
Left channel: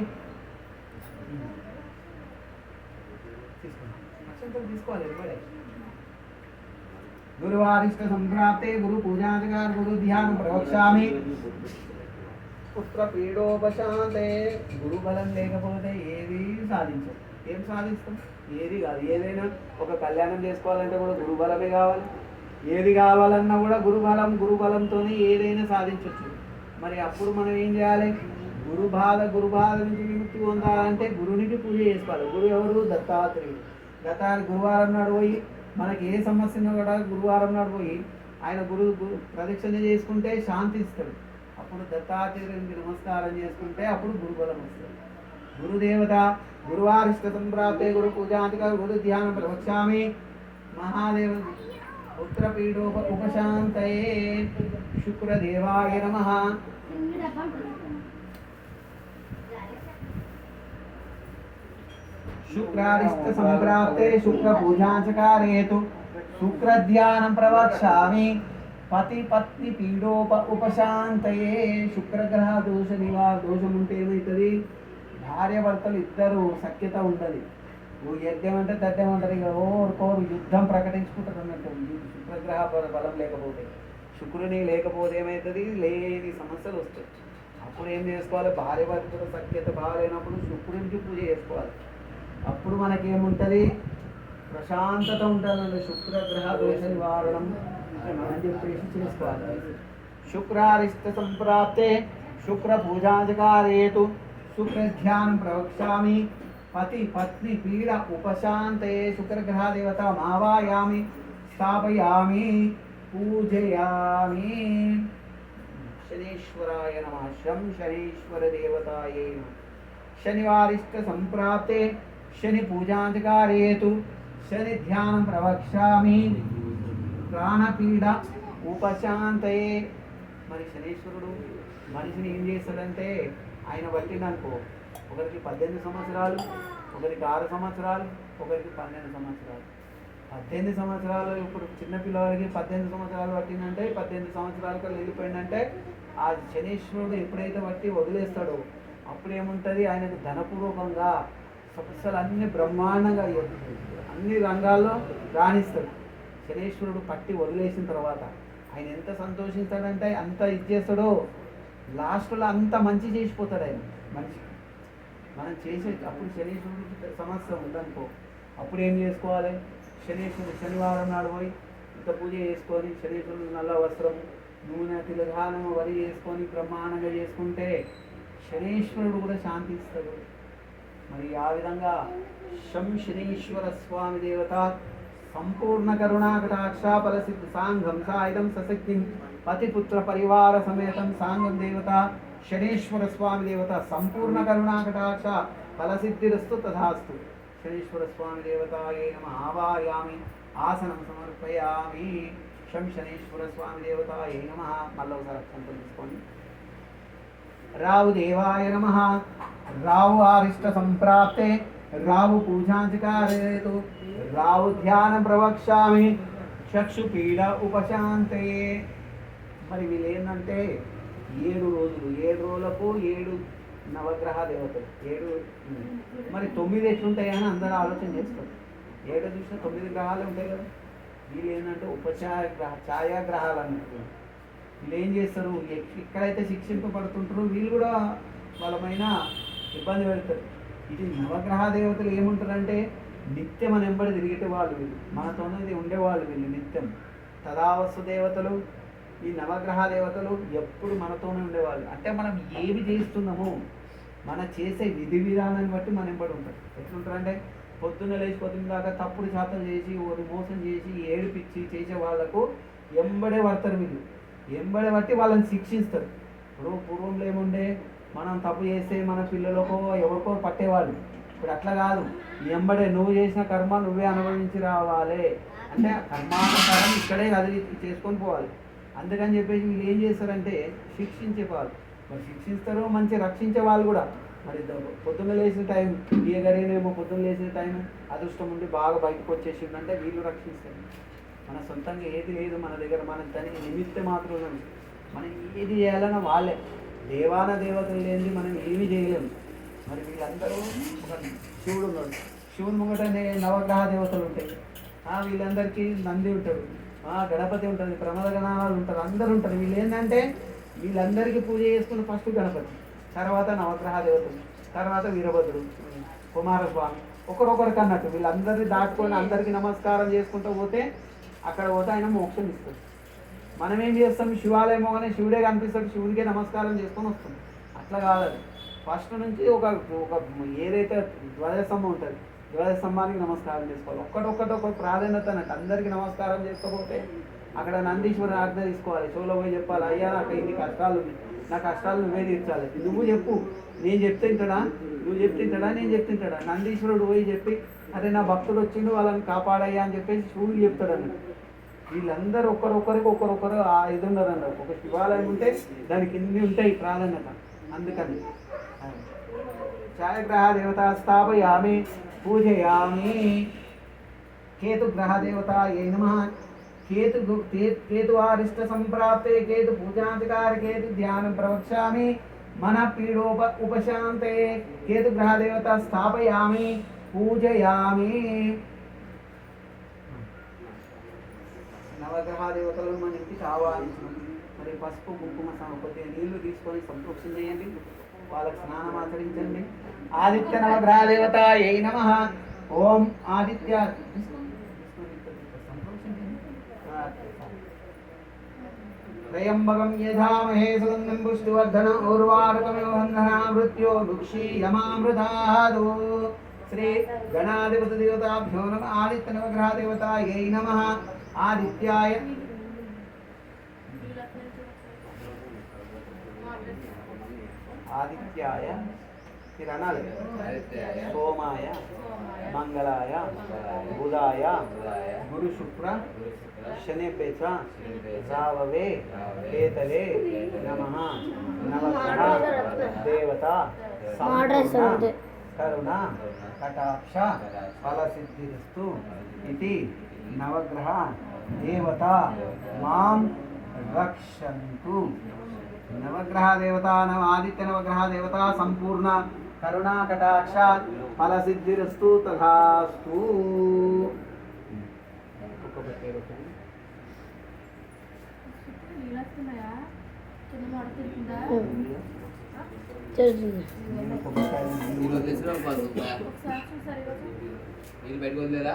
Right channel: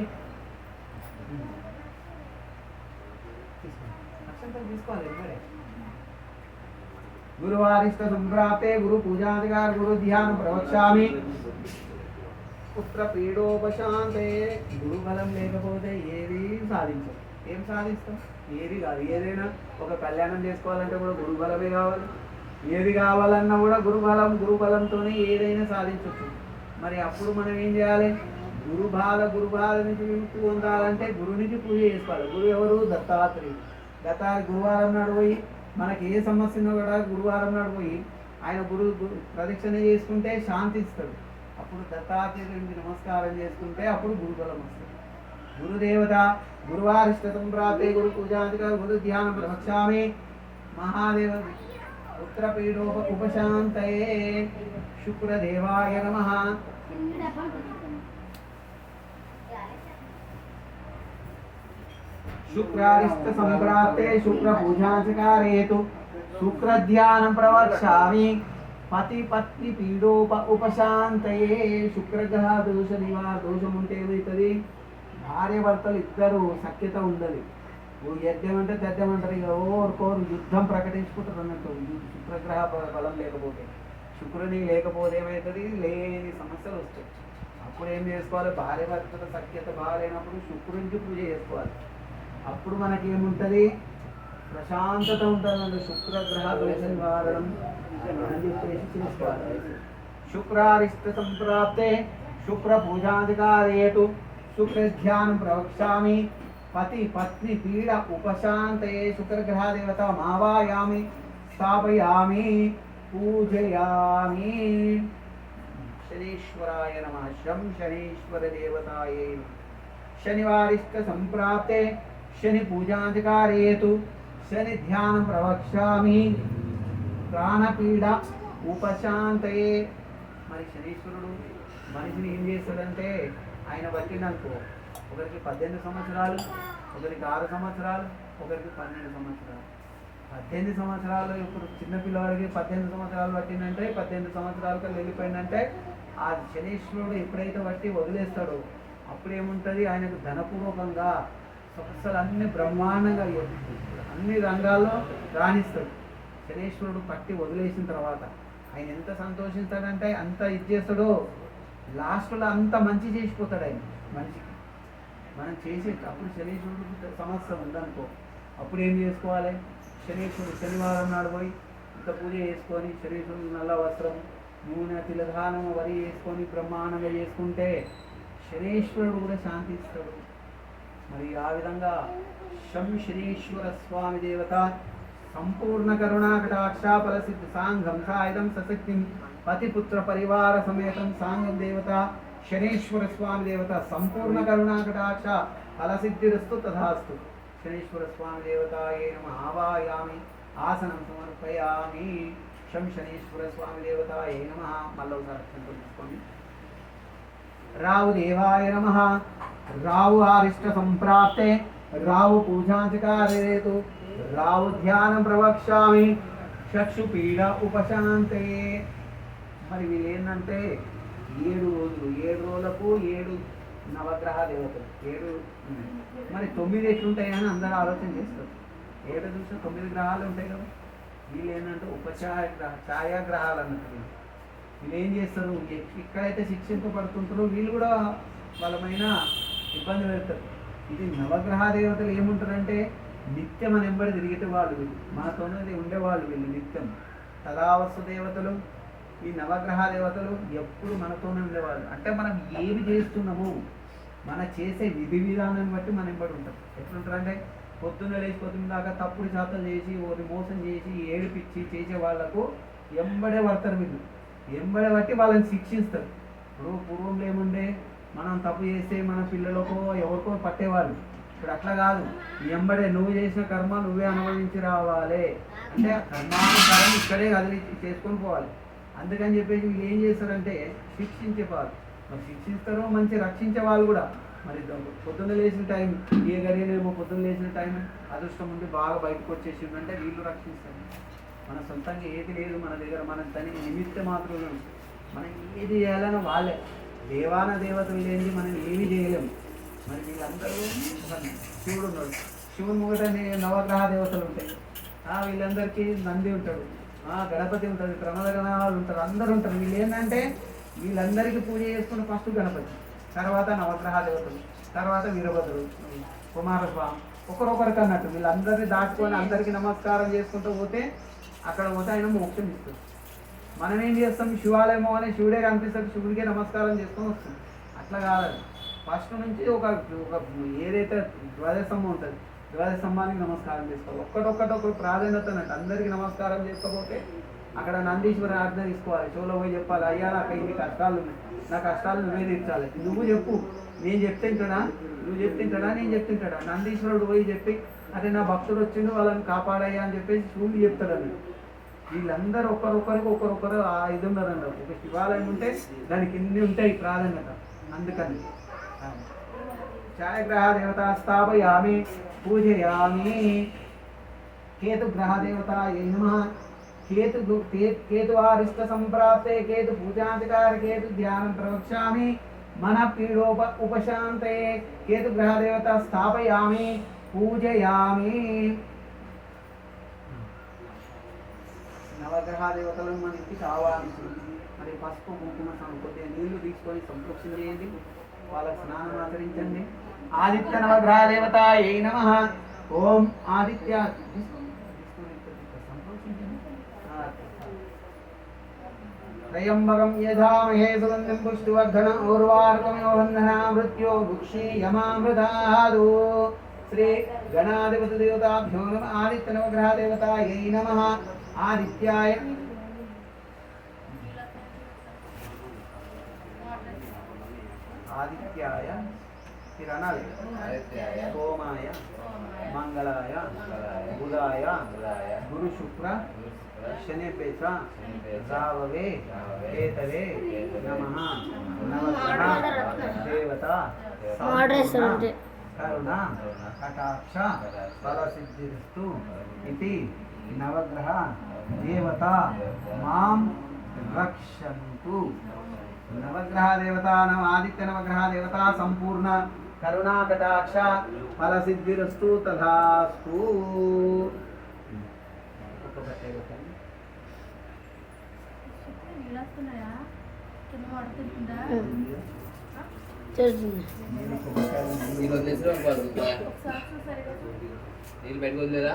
తీసుకోవాలి. గురువారిష్ట సంప్రాప్తే గురు పూజాధికార గురు ధ్యానం ప్రవక్ష్యామి పుత్ర పీడోపశాంతే. గురు బలం లేకపోతే ఏది సాధించదు. ఏం సాధిస్తాం? ఏది కాదు. ఏదైనా ఒక కళ్యాణం చేసుకోవాలంటే కూడా గురు బలమే కావాలి. ఏది కావాలన్నా కూడా గురుబలంతో ఏదైనా సాధించవచ్చు. మరి అప్పుడు మనం ఏం చేయాలి? గురు బాధ నుంచి విముక్తి పొందాలంటే గురునికి పూజ చేసుకోవాలి. గురువు ఎవరు? దత్తాత్రేయుడు. గురువారం నాడు పోయి మనకి ఏ సమస్య ఉన్నా కూడా గురువారం నాడు పోయి ఆయన ప్రదక్షిణ చేసుకుంటే శాంతి ఇస్తాడు. అప్పుడు దత్తాత్రేయుడికి నమస్కారం చేసుకుంటే అప్పుడు గురుబలం వస్తుంది. గురుదేవత గురువారిష్ట సంప్రాప్తే గురు పూజాధికార గురు ధ్యానం ప్రవక్ష్యామి మహాదేవ పుత్రపీడోప ఉపశాంతయే. శుక్రదేవాయ నమః. శుక్రారిష్ట సంప్రాప్తే శుక్ర పూజాచకారేతు శుక్ర ధ్యానం ప్రవక్ష్యామి పతి పత్ని పీడోప ఉపశాంతయే శుక్రగ్రహ దోష దోషం ఉంటే ఏమవుతుంది, భార్య భర్తలు ఇద్దరు సఖ్యత ఉండదు. ఓ యజ్ఞం అంటే తథ్యం అంటారు, ఇక ఓరుకోరు యుద్ధం ప్రకటించుకుంటారు అన్నట్టు. శుక్రగ్రహ బలం లేకపోతే, శుక్రుని లేకపోతే ఏమవుతుంది, లేని సమస్యలు వస్తాయి. అప్పుడు ఏం చేసుకోవాలి, భార్య భర్తల సఖ్యత బాగాలేనప్పుడు శుక్రునికి పూజ చేసుకోవాలి. అప్పుడు మనకేముంటుంది, ప్రశాంతత ఉంటుంది. శుక్రగ్రహ దోష నివారణం అని చెప్పేసి చేసుకోవాలి. శుక్రారిష్ట సంప్రాప్తే శుక్ర పూజాధికారేతు శుక్రధ్యానం ప్రవక్ష్యామి పతి పత్ని పీడ ఉపశాంతయే శుక్రగ్రహ దేవత మావాయామి స్థాపయామి పూజయామి. శనీశ్వరాయ నమః. శం శనీశ్వర దేవతాయే నమః. శనివారిష్ట సంప్రాప్తే శని పూజాధికారేతు శని ధ్యానం ప్రవక్ష్యామి ప్రాణపీడ ఉపశాంతయే. మరి శనీశ్వరుడు మనిషిని ఏం చేస్తాడంటే, ఆయన పట్టిండనుకో, ఒకరికి 18 సంవత్సరాలు, ఒకరికి 6 సంవత్సరాలు, ఒకరికి 12 సంవత్సరాలు. 18 సంవత్సరాలు ఇప్పుడు చిన్నపిల్లవారికి 18 సంవత్సరాలు పట్టిందంటే, 18 సంవత్సరాలకు వెళ్ళిపోయిందంటే, ఆ శనీశ్వరుడు ఎప్పుడైతే బట్టి వదిలేస్తాడో అప్పుడేముంటుంది, ఆయనకు ధనపూర్వకంగా సమస్యలు అన్ని బ్రహ్మాండంగా అన్ని రంగాల్లో రాణిస్తాడు. శనీశ్వరుడు పట్టి వదిలేసిన తర్వాత ఆయన ఎంత సంతోషిస్తాడంటే అంత ఇచ్చేస్తాడో, లాస్ట్లో అంత మంచి చేసిపోతాడు ఆయన మనిషికి. మనం చేసే అప్పుడు శనీశ్వరుడు సమస్య ఉందనుకో, అప్పుడు ఏం చేసుకోవాలి, శనీశ్వరుడు శనివారం నాడు పోయి ఇంత పూజ చేసుకొని శనీశ్వరుడు నల్ల వస్త్రం నూనె తిలధానం వరి చేసుకొని బ్రహ్మాండంగా చేసుకుంటే శనీశ్వరుడు కూడా శాంతిస్తాడు. మరి ఆ విధంగా శం శనీశ్వర స్వామి దేవత సంపూర్ణ కరుణా కటాక్షాఫల సిద్ధ సాంఘం సాయుధం సశక్తిం పతిపుత్ర పరివార సమేతం సాంఘం దేవత శనీశ్వర స్వామి దేవత సంపూర్ణ కరుణా కటాక్ష ఫలసిద్ధిరస్తు తథాస్తు. శనీశ్వర స్వామి దేవతాయే నమః. ఆవాయామి ఆసనం సమర్పయామి. శం శనీశ్వర స్వామి దేవతాయే నమః. మళ్ళీ ఒకసారి అక్షంతలు తీసుకోండి. రావు దేవాయ నమః. రావు ఆరిష్ట సంప్రాప్తే రావు పూజాధికారేతు రావు ధ్యానం ప్రవక్ష్యామి చక్షుపీడ ఉపశాంతయే. మరి వీళ్ళు ఏంటంటే 7 రోజులు, 7 రోజులకు 7 నవగ్రహ దేవతలు, 7 మరి 9 ఎట్లుంటాయని అందరూ ఆలోచన చేస్తారు. 7 చూసిన 9 గ్రహాలు ఉంటాయి కదా. వీళ్ళు ఏంటంటే ఛాయాగ్రహాలు అన్నట్టు. వీళ్ళు ఏం చేస్తారు, ఎక్కడైతే శిక్షింపబడుతుంటారో వీళ్ళు కూడా వాళ్ళమైన ఇబ్బంది పెడతారు. ఇది నవగ్రహ దేవతలు ఏముంటారంటే నిత్యం మన వెంబడి తిరిగేటి వాళ్ళు, వీళ్ళు మనతోనే ఉండేవాళ్ళు, వీళ్ళు నిత్యం తదావస్తు దేవతలు. ఈ నవగ్రహ దేవతలు ఎప్పుడు మనతోనే ఉండేవాళ్ళు. అంటే మనం ఏవి చేస్తున్నామో మన చేసే విధి విధానాన్ని బట్టి మన వెంబడి ఉంటారు. ఎట్లుంటారంటే పొద్దున్న లేచి పొద్దున్న దాకా తప్పుడు శాతం చేసి ఓరి మోసం చేసి ఏడిపించి చేసే వాళ్ళకు ఎంబడే పడతారు వీళ్ళు. ఎంబడే బట్టి వాళ్ళని శిక్షిస్తారు. ఇప్పుడు పూర్వంలో ఏముండే, మనం తప్పు చేస్తే మన పిల్లలకో ఎవరికో పట్టేవాళ్ళు. ఇప్పుడు అట్లా కాదు, ఎంబడే నువ్వు చేసిన కర్మ నువ్వే అనుభవించి రావాలి అంటే కర్మానుసారం ఇక్కడే కదిలి చేసుకొని పోవాలి. అందుకని చెప్పేసి వీళ్ళు ఏం చేస్తారంటే శిక్షించే వాళ్ళు. మరి శిక్షిస్తారు, మంచి రక్షించే వాళ్ళు కూడా. మరి పొద్దున్న లేచిన టైం ఏ గరీనేమో పొద్దున్న లేచిన టైం అదృష్టం ఉండి బాగా బయటకు వచ్చేసిందంటే వీళ్ళు రక్షిస్తారు. మన సొంతంగా ఏది లేదు మన దగ్గర, మన దానికి నిమిత్త మాత్రం మనం ఏది చేయాలన్నా వాళ్ళే. దేవాన దేవతలు లేనిది మనం ఏమీ చేయలేము. మరి వీళ్ళందరూ ఒక శివుడు ఉన్నాడు, శివుని ముంగటనే నవగ్రహ దేవతలు ఉంటాయి. వీళ్ళందరికీ నంది ఉంటాడు, గణపతి ఉంటుంది, ప్రమద గణాలు ఉంటారు, అందరూ ఉంటారు. వీళ్ళు ఏంటంటే వీళ్ళందరికీ పూజ చేసుకుని ఫస్ట్ గణపతి, తర్వాత నవగ్రహ దేవతలు, తర్వాత వీరభద్రుడు, కుమారస్వామి, ఒకరొకరికి అన్నట్టు వీళ్ళందరినీ దాటుకొని అందరికీ నమస్కారం చేసుకుంటూ పోతే అక్కడ పోతే ఆయన మోక్షం ఇస్తుంది. మనం ఏం చేస్తాం, శివాలయం పోగానే శివుడే కనిపిస్తాడు, శివుడికే నమస్కారం చేసుకొని వస్తుంది. అట్లా కాదు, ఫస్ట్ నుంచి ఒక ఏదైతే ద్వాదశస్తంభం ఉంటుంది ద్వాదశస్తంభానికి నమస్కారం చేసుకోవాలి. ఒక్కటొక్కటి ప్రాధాన్యత అన్నట్టు అందరికీ నమస్కారం చేసుకోకపోతే అక్కడ నందీశ్వరుని ఆజ్ఞ తీసుకోవాలి. చెవులో పోయి చెప్పాలి, అయ్యా నాకు ఇన్ని కష్టాలు ఉన్నాయి, నా కష్టాలు నువ్వే తీర్చాలి. నువ్వు చెప్పు, నేను చెప్తుంటాడా, నువ్వు చెప్తుంటాడా, నేను చెప్తుంటాడా. నందీశ్వరుడు పోయి చెప్పి అదే నా భక్తుడు వచ్చిండు వాళ్ళని కాపాడయ్యా అని చెప్పేసి శివుడు చెప్తాడని. వీళ్ళందరూ ఒకరొకరు ఇది ఉన్నారంట. ఒక శివాలయం ఉంటే దానికి ఇన్ని ఉంటాయి ప్రాధాన్యత. అందుకని ఛాయాగ్రహ దేవత స్థాపయామి పూజయామి. కేతుగ్రహ దేవత ఏ నమః. केतुवारिष्ट संप्राप्ते केतु पूजाधिकार केतु ध्यान प्रवक्ष्यामि मन पीडोप उपशांते केतु ग्रह देवता स्थापयामि पूजयामि నవగ్రహ దేవతలను మన ఇంటికి ఆహ్వానించండి. మరి పసుపు కుంకుమ కొద్దిగా నీళ్లు తీసుకొని సంతోషం చేయండి, వాళ్ళకి స్నానం ఆచరించండి. ఆదిత్య నవగ్రహ దేవత ఏ నమః. ఓం ఆదిత్య त्रयंबकं यजामहे सुगन्धिं पुष्टिवर्धनम् उर्वारुकमिव बन्धना मृत्यो भुक्षीयमामृतादु. श्री गणाधिपति देवताभ्यो नमः. आदित्य नवग्रह देवतायै नमः. आदित्याय आदित्याय सोमाय मंगलाय बुधाय गुरु शुक्र शनिभ्ये च राववे केतवे नमः. नवग्रह देवता संपूर्ण करुणा कटाक्ष फलसिद्धिरस्तु इति नवग्रह देवता मां रक्षन्तु. नवग्रह देवता नव आदित्य नवग्रह देवता संपूर्ण करुणा कटाक्ष फलसिद्धिरस्तु तथास्तु. నీళ్ళు పెట్టుకోలేదా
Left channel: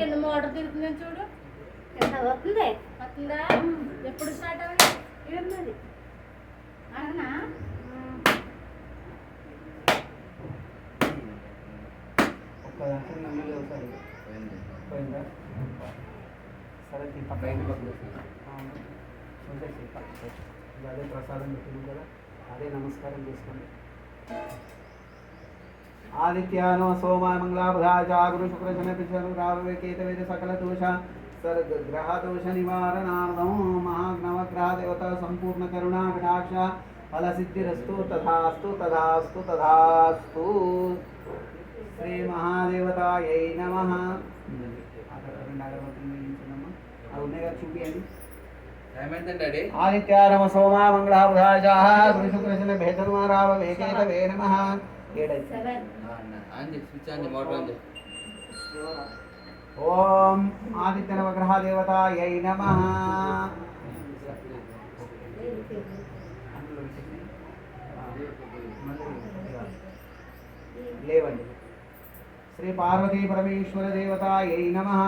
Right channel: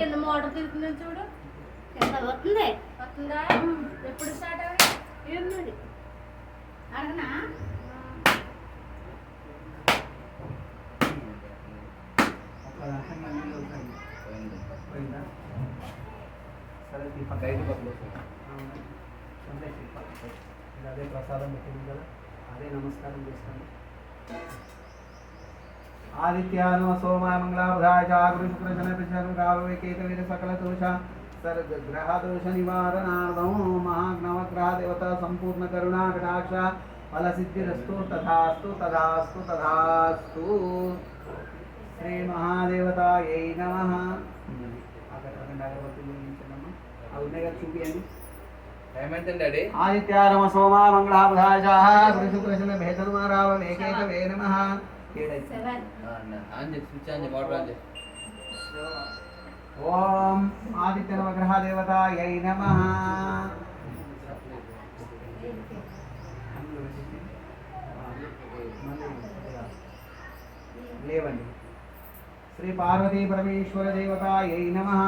కింద మోటార్ తిరుగుతుందని చూడు వస్తుంది వస్తుందా ఎప్పుడు స్టార్ట్ అవ్వండి అడగనా సరే అదే ప్రసాదం పెట్టింది కదా, అదే నమస్కారం చేసుకోండి. आदित्यानो सोमाय मंगला बुधाय च गुरु शुक्र शनि प्रचर राववे केतवे सकल दोष सर्ग ग्रह दोष निवारणार्थं महानवग्रह देवता संपूर्ण करुणा कटाक्ष फल सिद्धिरस्तु तथास्तु तथास्तु तथास्तु. श्री महादेवतायै नमः. आदित्यानम सोमाय मंगला बुधाय च गुरु शुक्र शनि प्रचर राववे केतवे नमः. ओम आदित्य नवग्रह देवतायै नमः. लेवंడి. श्री पार्वती परमेश्वर देवतायै नमः.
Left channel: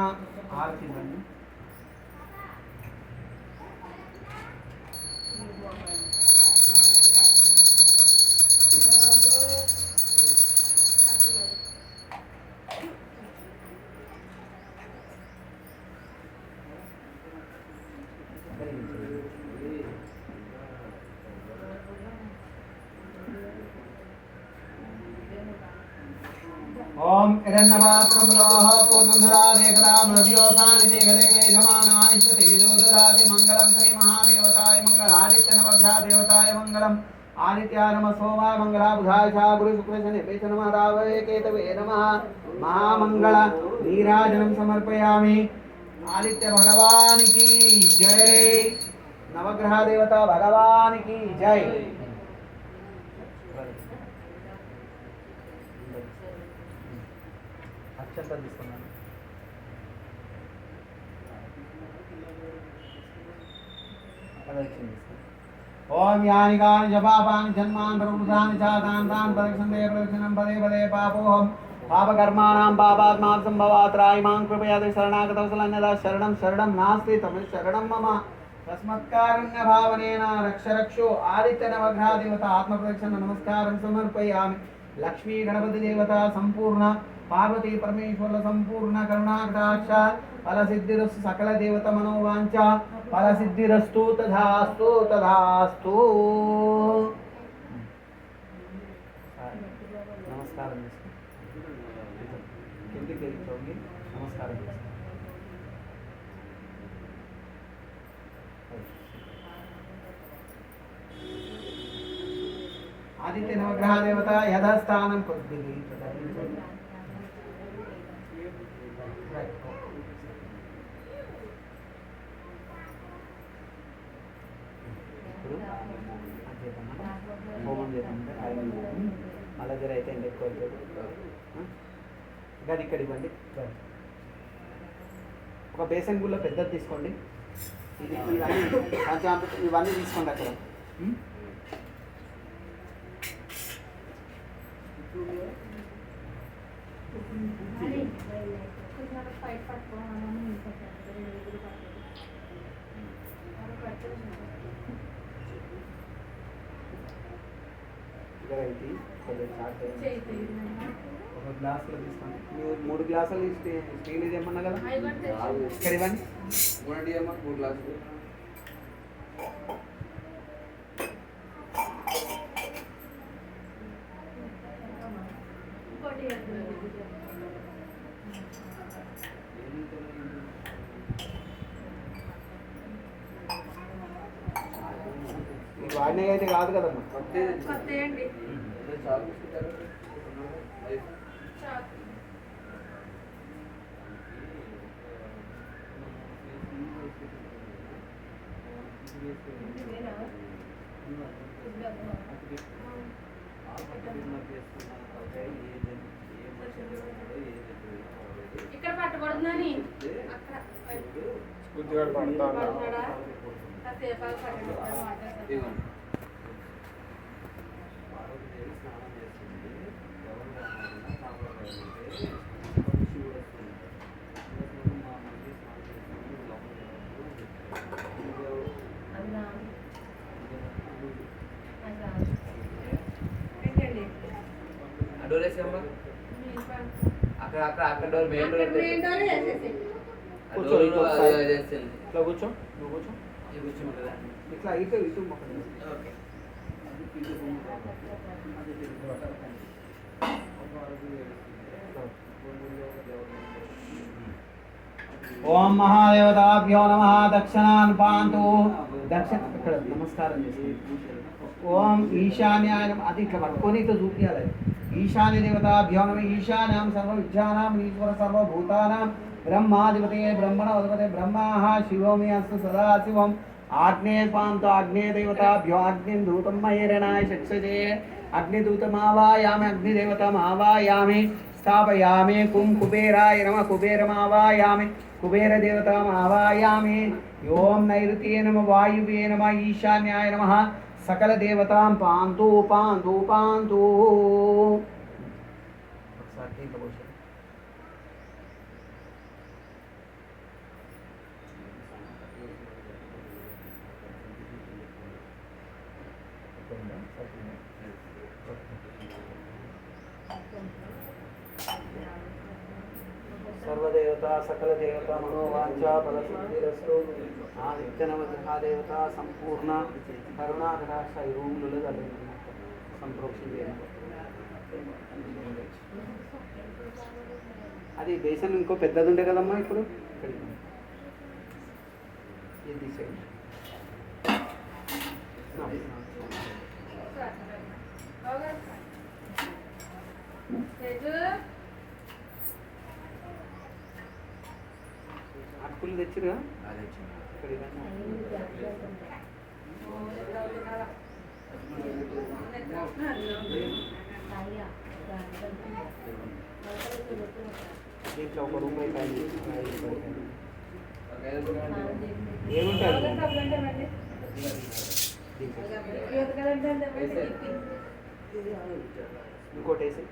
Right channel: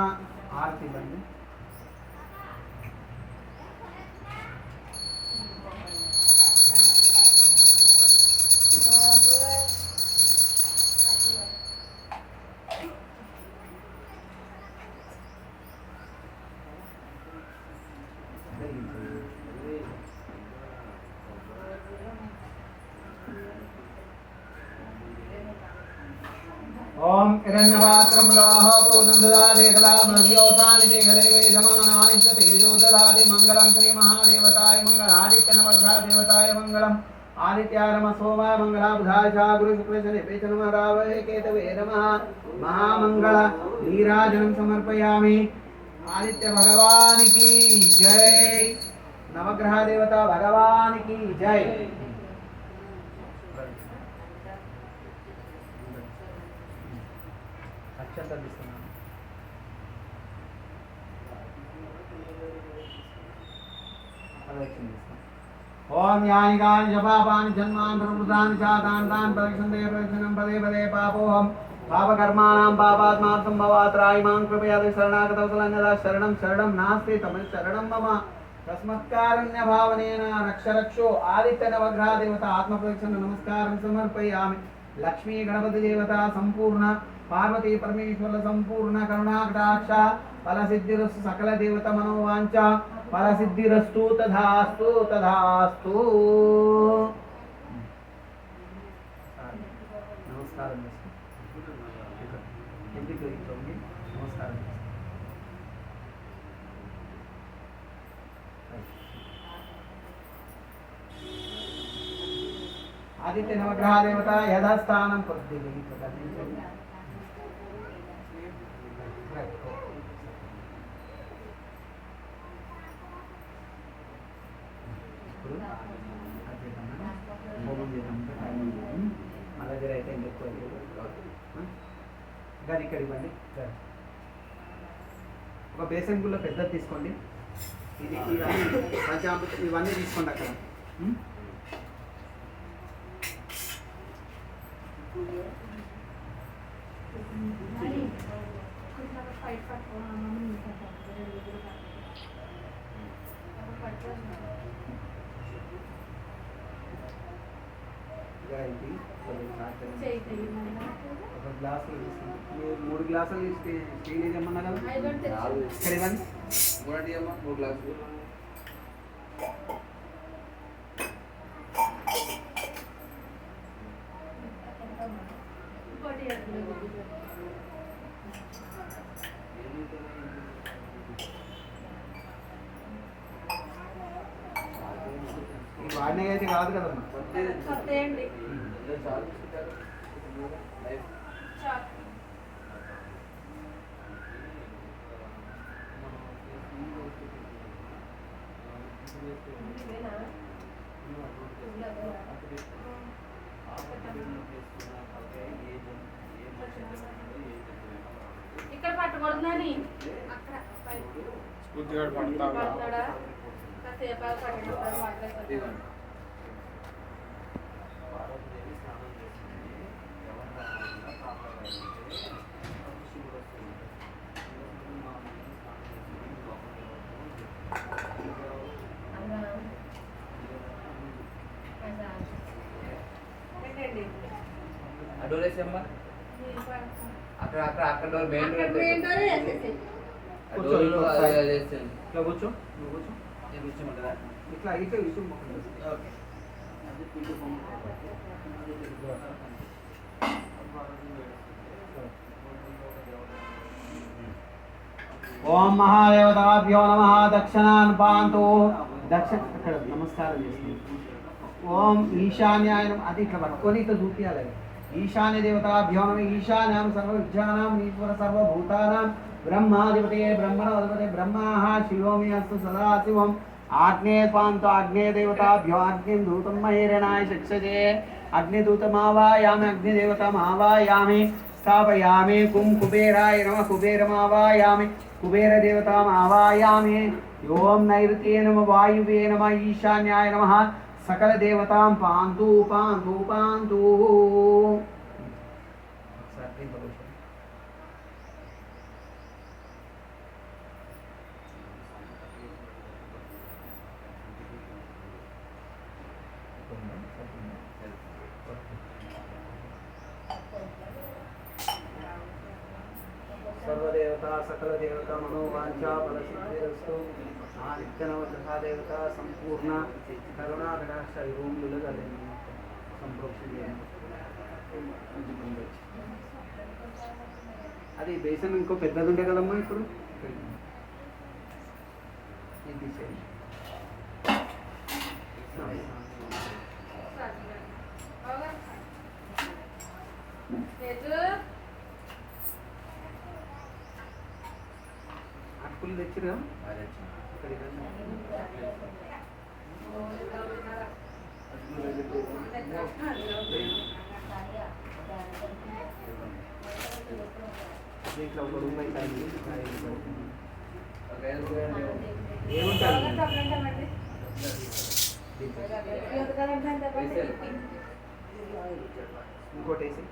आरती बंడి. ओम हिरण्यपात्रं लोह पूर्णंदुरादेकला ब्रव्योसानि देहदेवे जमानायश्च तेजोदलादि मंगलम. श्री महादेवताय मंगल. आदित्य नवग्रह देवताय मंगलम. आदित्याय नमः. सोमाय मंगला बुधाय च गुरु शुक्र शनि प्रचर नमः राववे केतवे नमः. महामंगल नीराजनं समर्पयामि. आदित्य भगवान की जय. नवग्रह देवता भगवान की जय. ओम यानि कानि जपापानि जन्मान् प्रवृत्तानि चातान् तान् प्रदक्षिणं प्रदक्षिणं पदे पदे पापोऽहं पापकर्माणां पापात्मात् सम्भवात् त्रायिमां कृपयाति शरणागतवत्सलन्यदा शरणं शरणं नास्ति तमिल शरणं मम तस्मत्कारुण्य भावनेन रक्ष रक्षो. आदित्य नवग्रह देवता आत्मप्रदक्षिण नमस्कारं समर्पयामि. लक्ष्मी गणपति देवता संपूर्ण पार्वती परमेश्वर संपूर्ण करुणा कटाक्ष फल सिद्धिरस्तु. सकल देवता मनोवांचा फल सिद्धिरस्तु तथास्तु तथास्तु. नमस्कार. नमस्कार. आदित्य नवग्रह देवता यथास्थानं కాదు, అది చేద్దామా? హోమం చేద్దామంటే టైం ఉంది. మళ్ళీ జర అయితే ఎండ ఎక్కువ అవుతుంది. గది ఇక్కడ ఇవ్వండి. గది ఒక బేసన్ గుళ్ళ పెద్దది తీసుకోండి. ఇది ఇవన్నీ పంచామృతం ఇవన్నీ తీసుకోండి అక్కడ. ఇది ఒక గ్లాసులో తీసుకోండి. మీరు 3 గ్లాసులు స్టీల్ ఇది ఏమన్నా కదా ఇక్కడ ఇవ్వండి. 3 గ్లాసులు. ఇది వాడినవి అయితే కాదు కదమ్మా. ఇక్కడ పట్టకూడదని డోర్ వేసేమ్మా. అక్కడ అక్కడ అక్కడ డోర్ మెయిన్ డోర్ కూర్చో, ఇట్లా కూర్చో, నువ్వు కూర్చో. కూర్చోమంటారా? ఇట్లా ఇటు ఇటు మొక్కలు. ఓకే. ఓం మహాదేవతాభ్యో నమః. దక్షిణాన్ పాంతో. దక్షిణ ఇక్కడ నమస్కారం చేస్తుంది. ఓం ఈశాన్యాయ నమః. అది ఇట్లా పట్టుకొని ఇట్లా చూపించాలి. ఈశాన్య దేవతాభ్యో నమః. ఈశాన్యం సర్వ విద్యానాం ఈశ్వర సర్వభూతానాం బ్రహ్మాధిపతే బ్రహ్మణోధిపతే బ్రహ్మః శివోమి అస్తు సదాశివం. ఆగ్నేయ పాంతో ఆగ్నేయ దేవతాభ్యో అగ్నిం దూతం మహేరణాయ శిక్షజే. అగ్నిదూతమావాయామి అగ్నిదేవతమావాయామి స్థాపయామి. కుం కుబేరాయ నమః. కుబేరమావాయామి కుబేరదేవతామావాయామి. ఓం నైరుతే నమః. వాయువే నమః. ఈశాన్యాయ నమః. సకల దేవతాం పాంతు పాంతు పాంతు. సర్వదేవత సకల దేవత మనోవాంఛా ఫలసిద్ధిరస్తు. ఆ నిత్యనవగ్రహదేవత సంపూర్ణ కరుణాకటాక్ష రూములు సంప్రోక్షి చేయండి. అది బేసన్ ఇంకో పెద్దది ఉండే కదమ్మా. ఇప్పుడు ఇక్కడికి ఇది తీసేయండి. అటుకులు తెచ్చిరుగా ఇక్కడ దీంట్లో ఒక రూపాయి కలిగి ఏముంటారు ఇంకోటి వేసి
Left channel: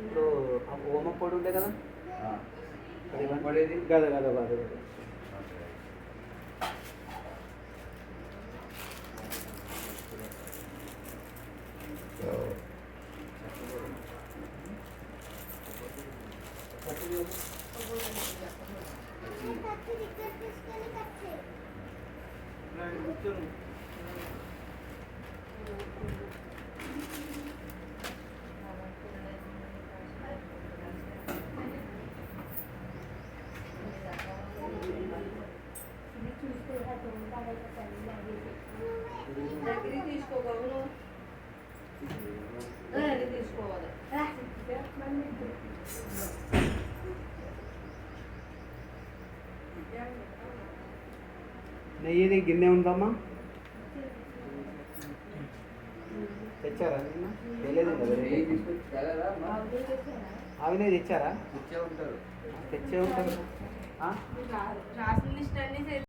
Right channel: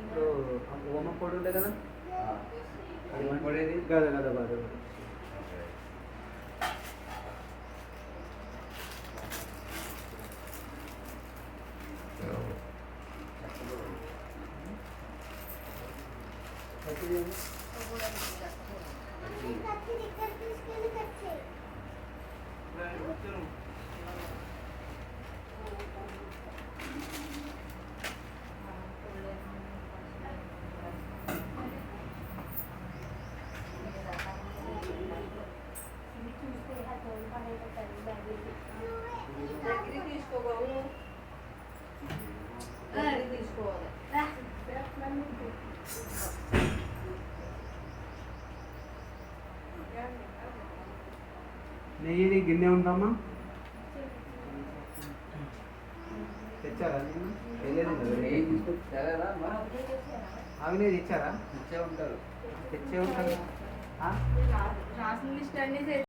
ఇప్పుడు ఓమ పొడి ఉండే కదా గద గద బాగా తీసుకోవాలి. నెయ్యి గిన్నె ఉందమ్మా? తెచ్చారా నిన్న? తెలియదు కదా నెయ్యి తీసుకొచ్చి తేలేదా అమ్మా? అవి నెయ్యి తెచ్చారా? తెచ్చే ఉంటారు. తెచ్చే ఉంటారు. రాసిన లిస్ట్ అన్ని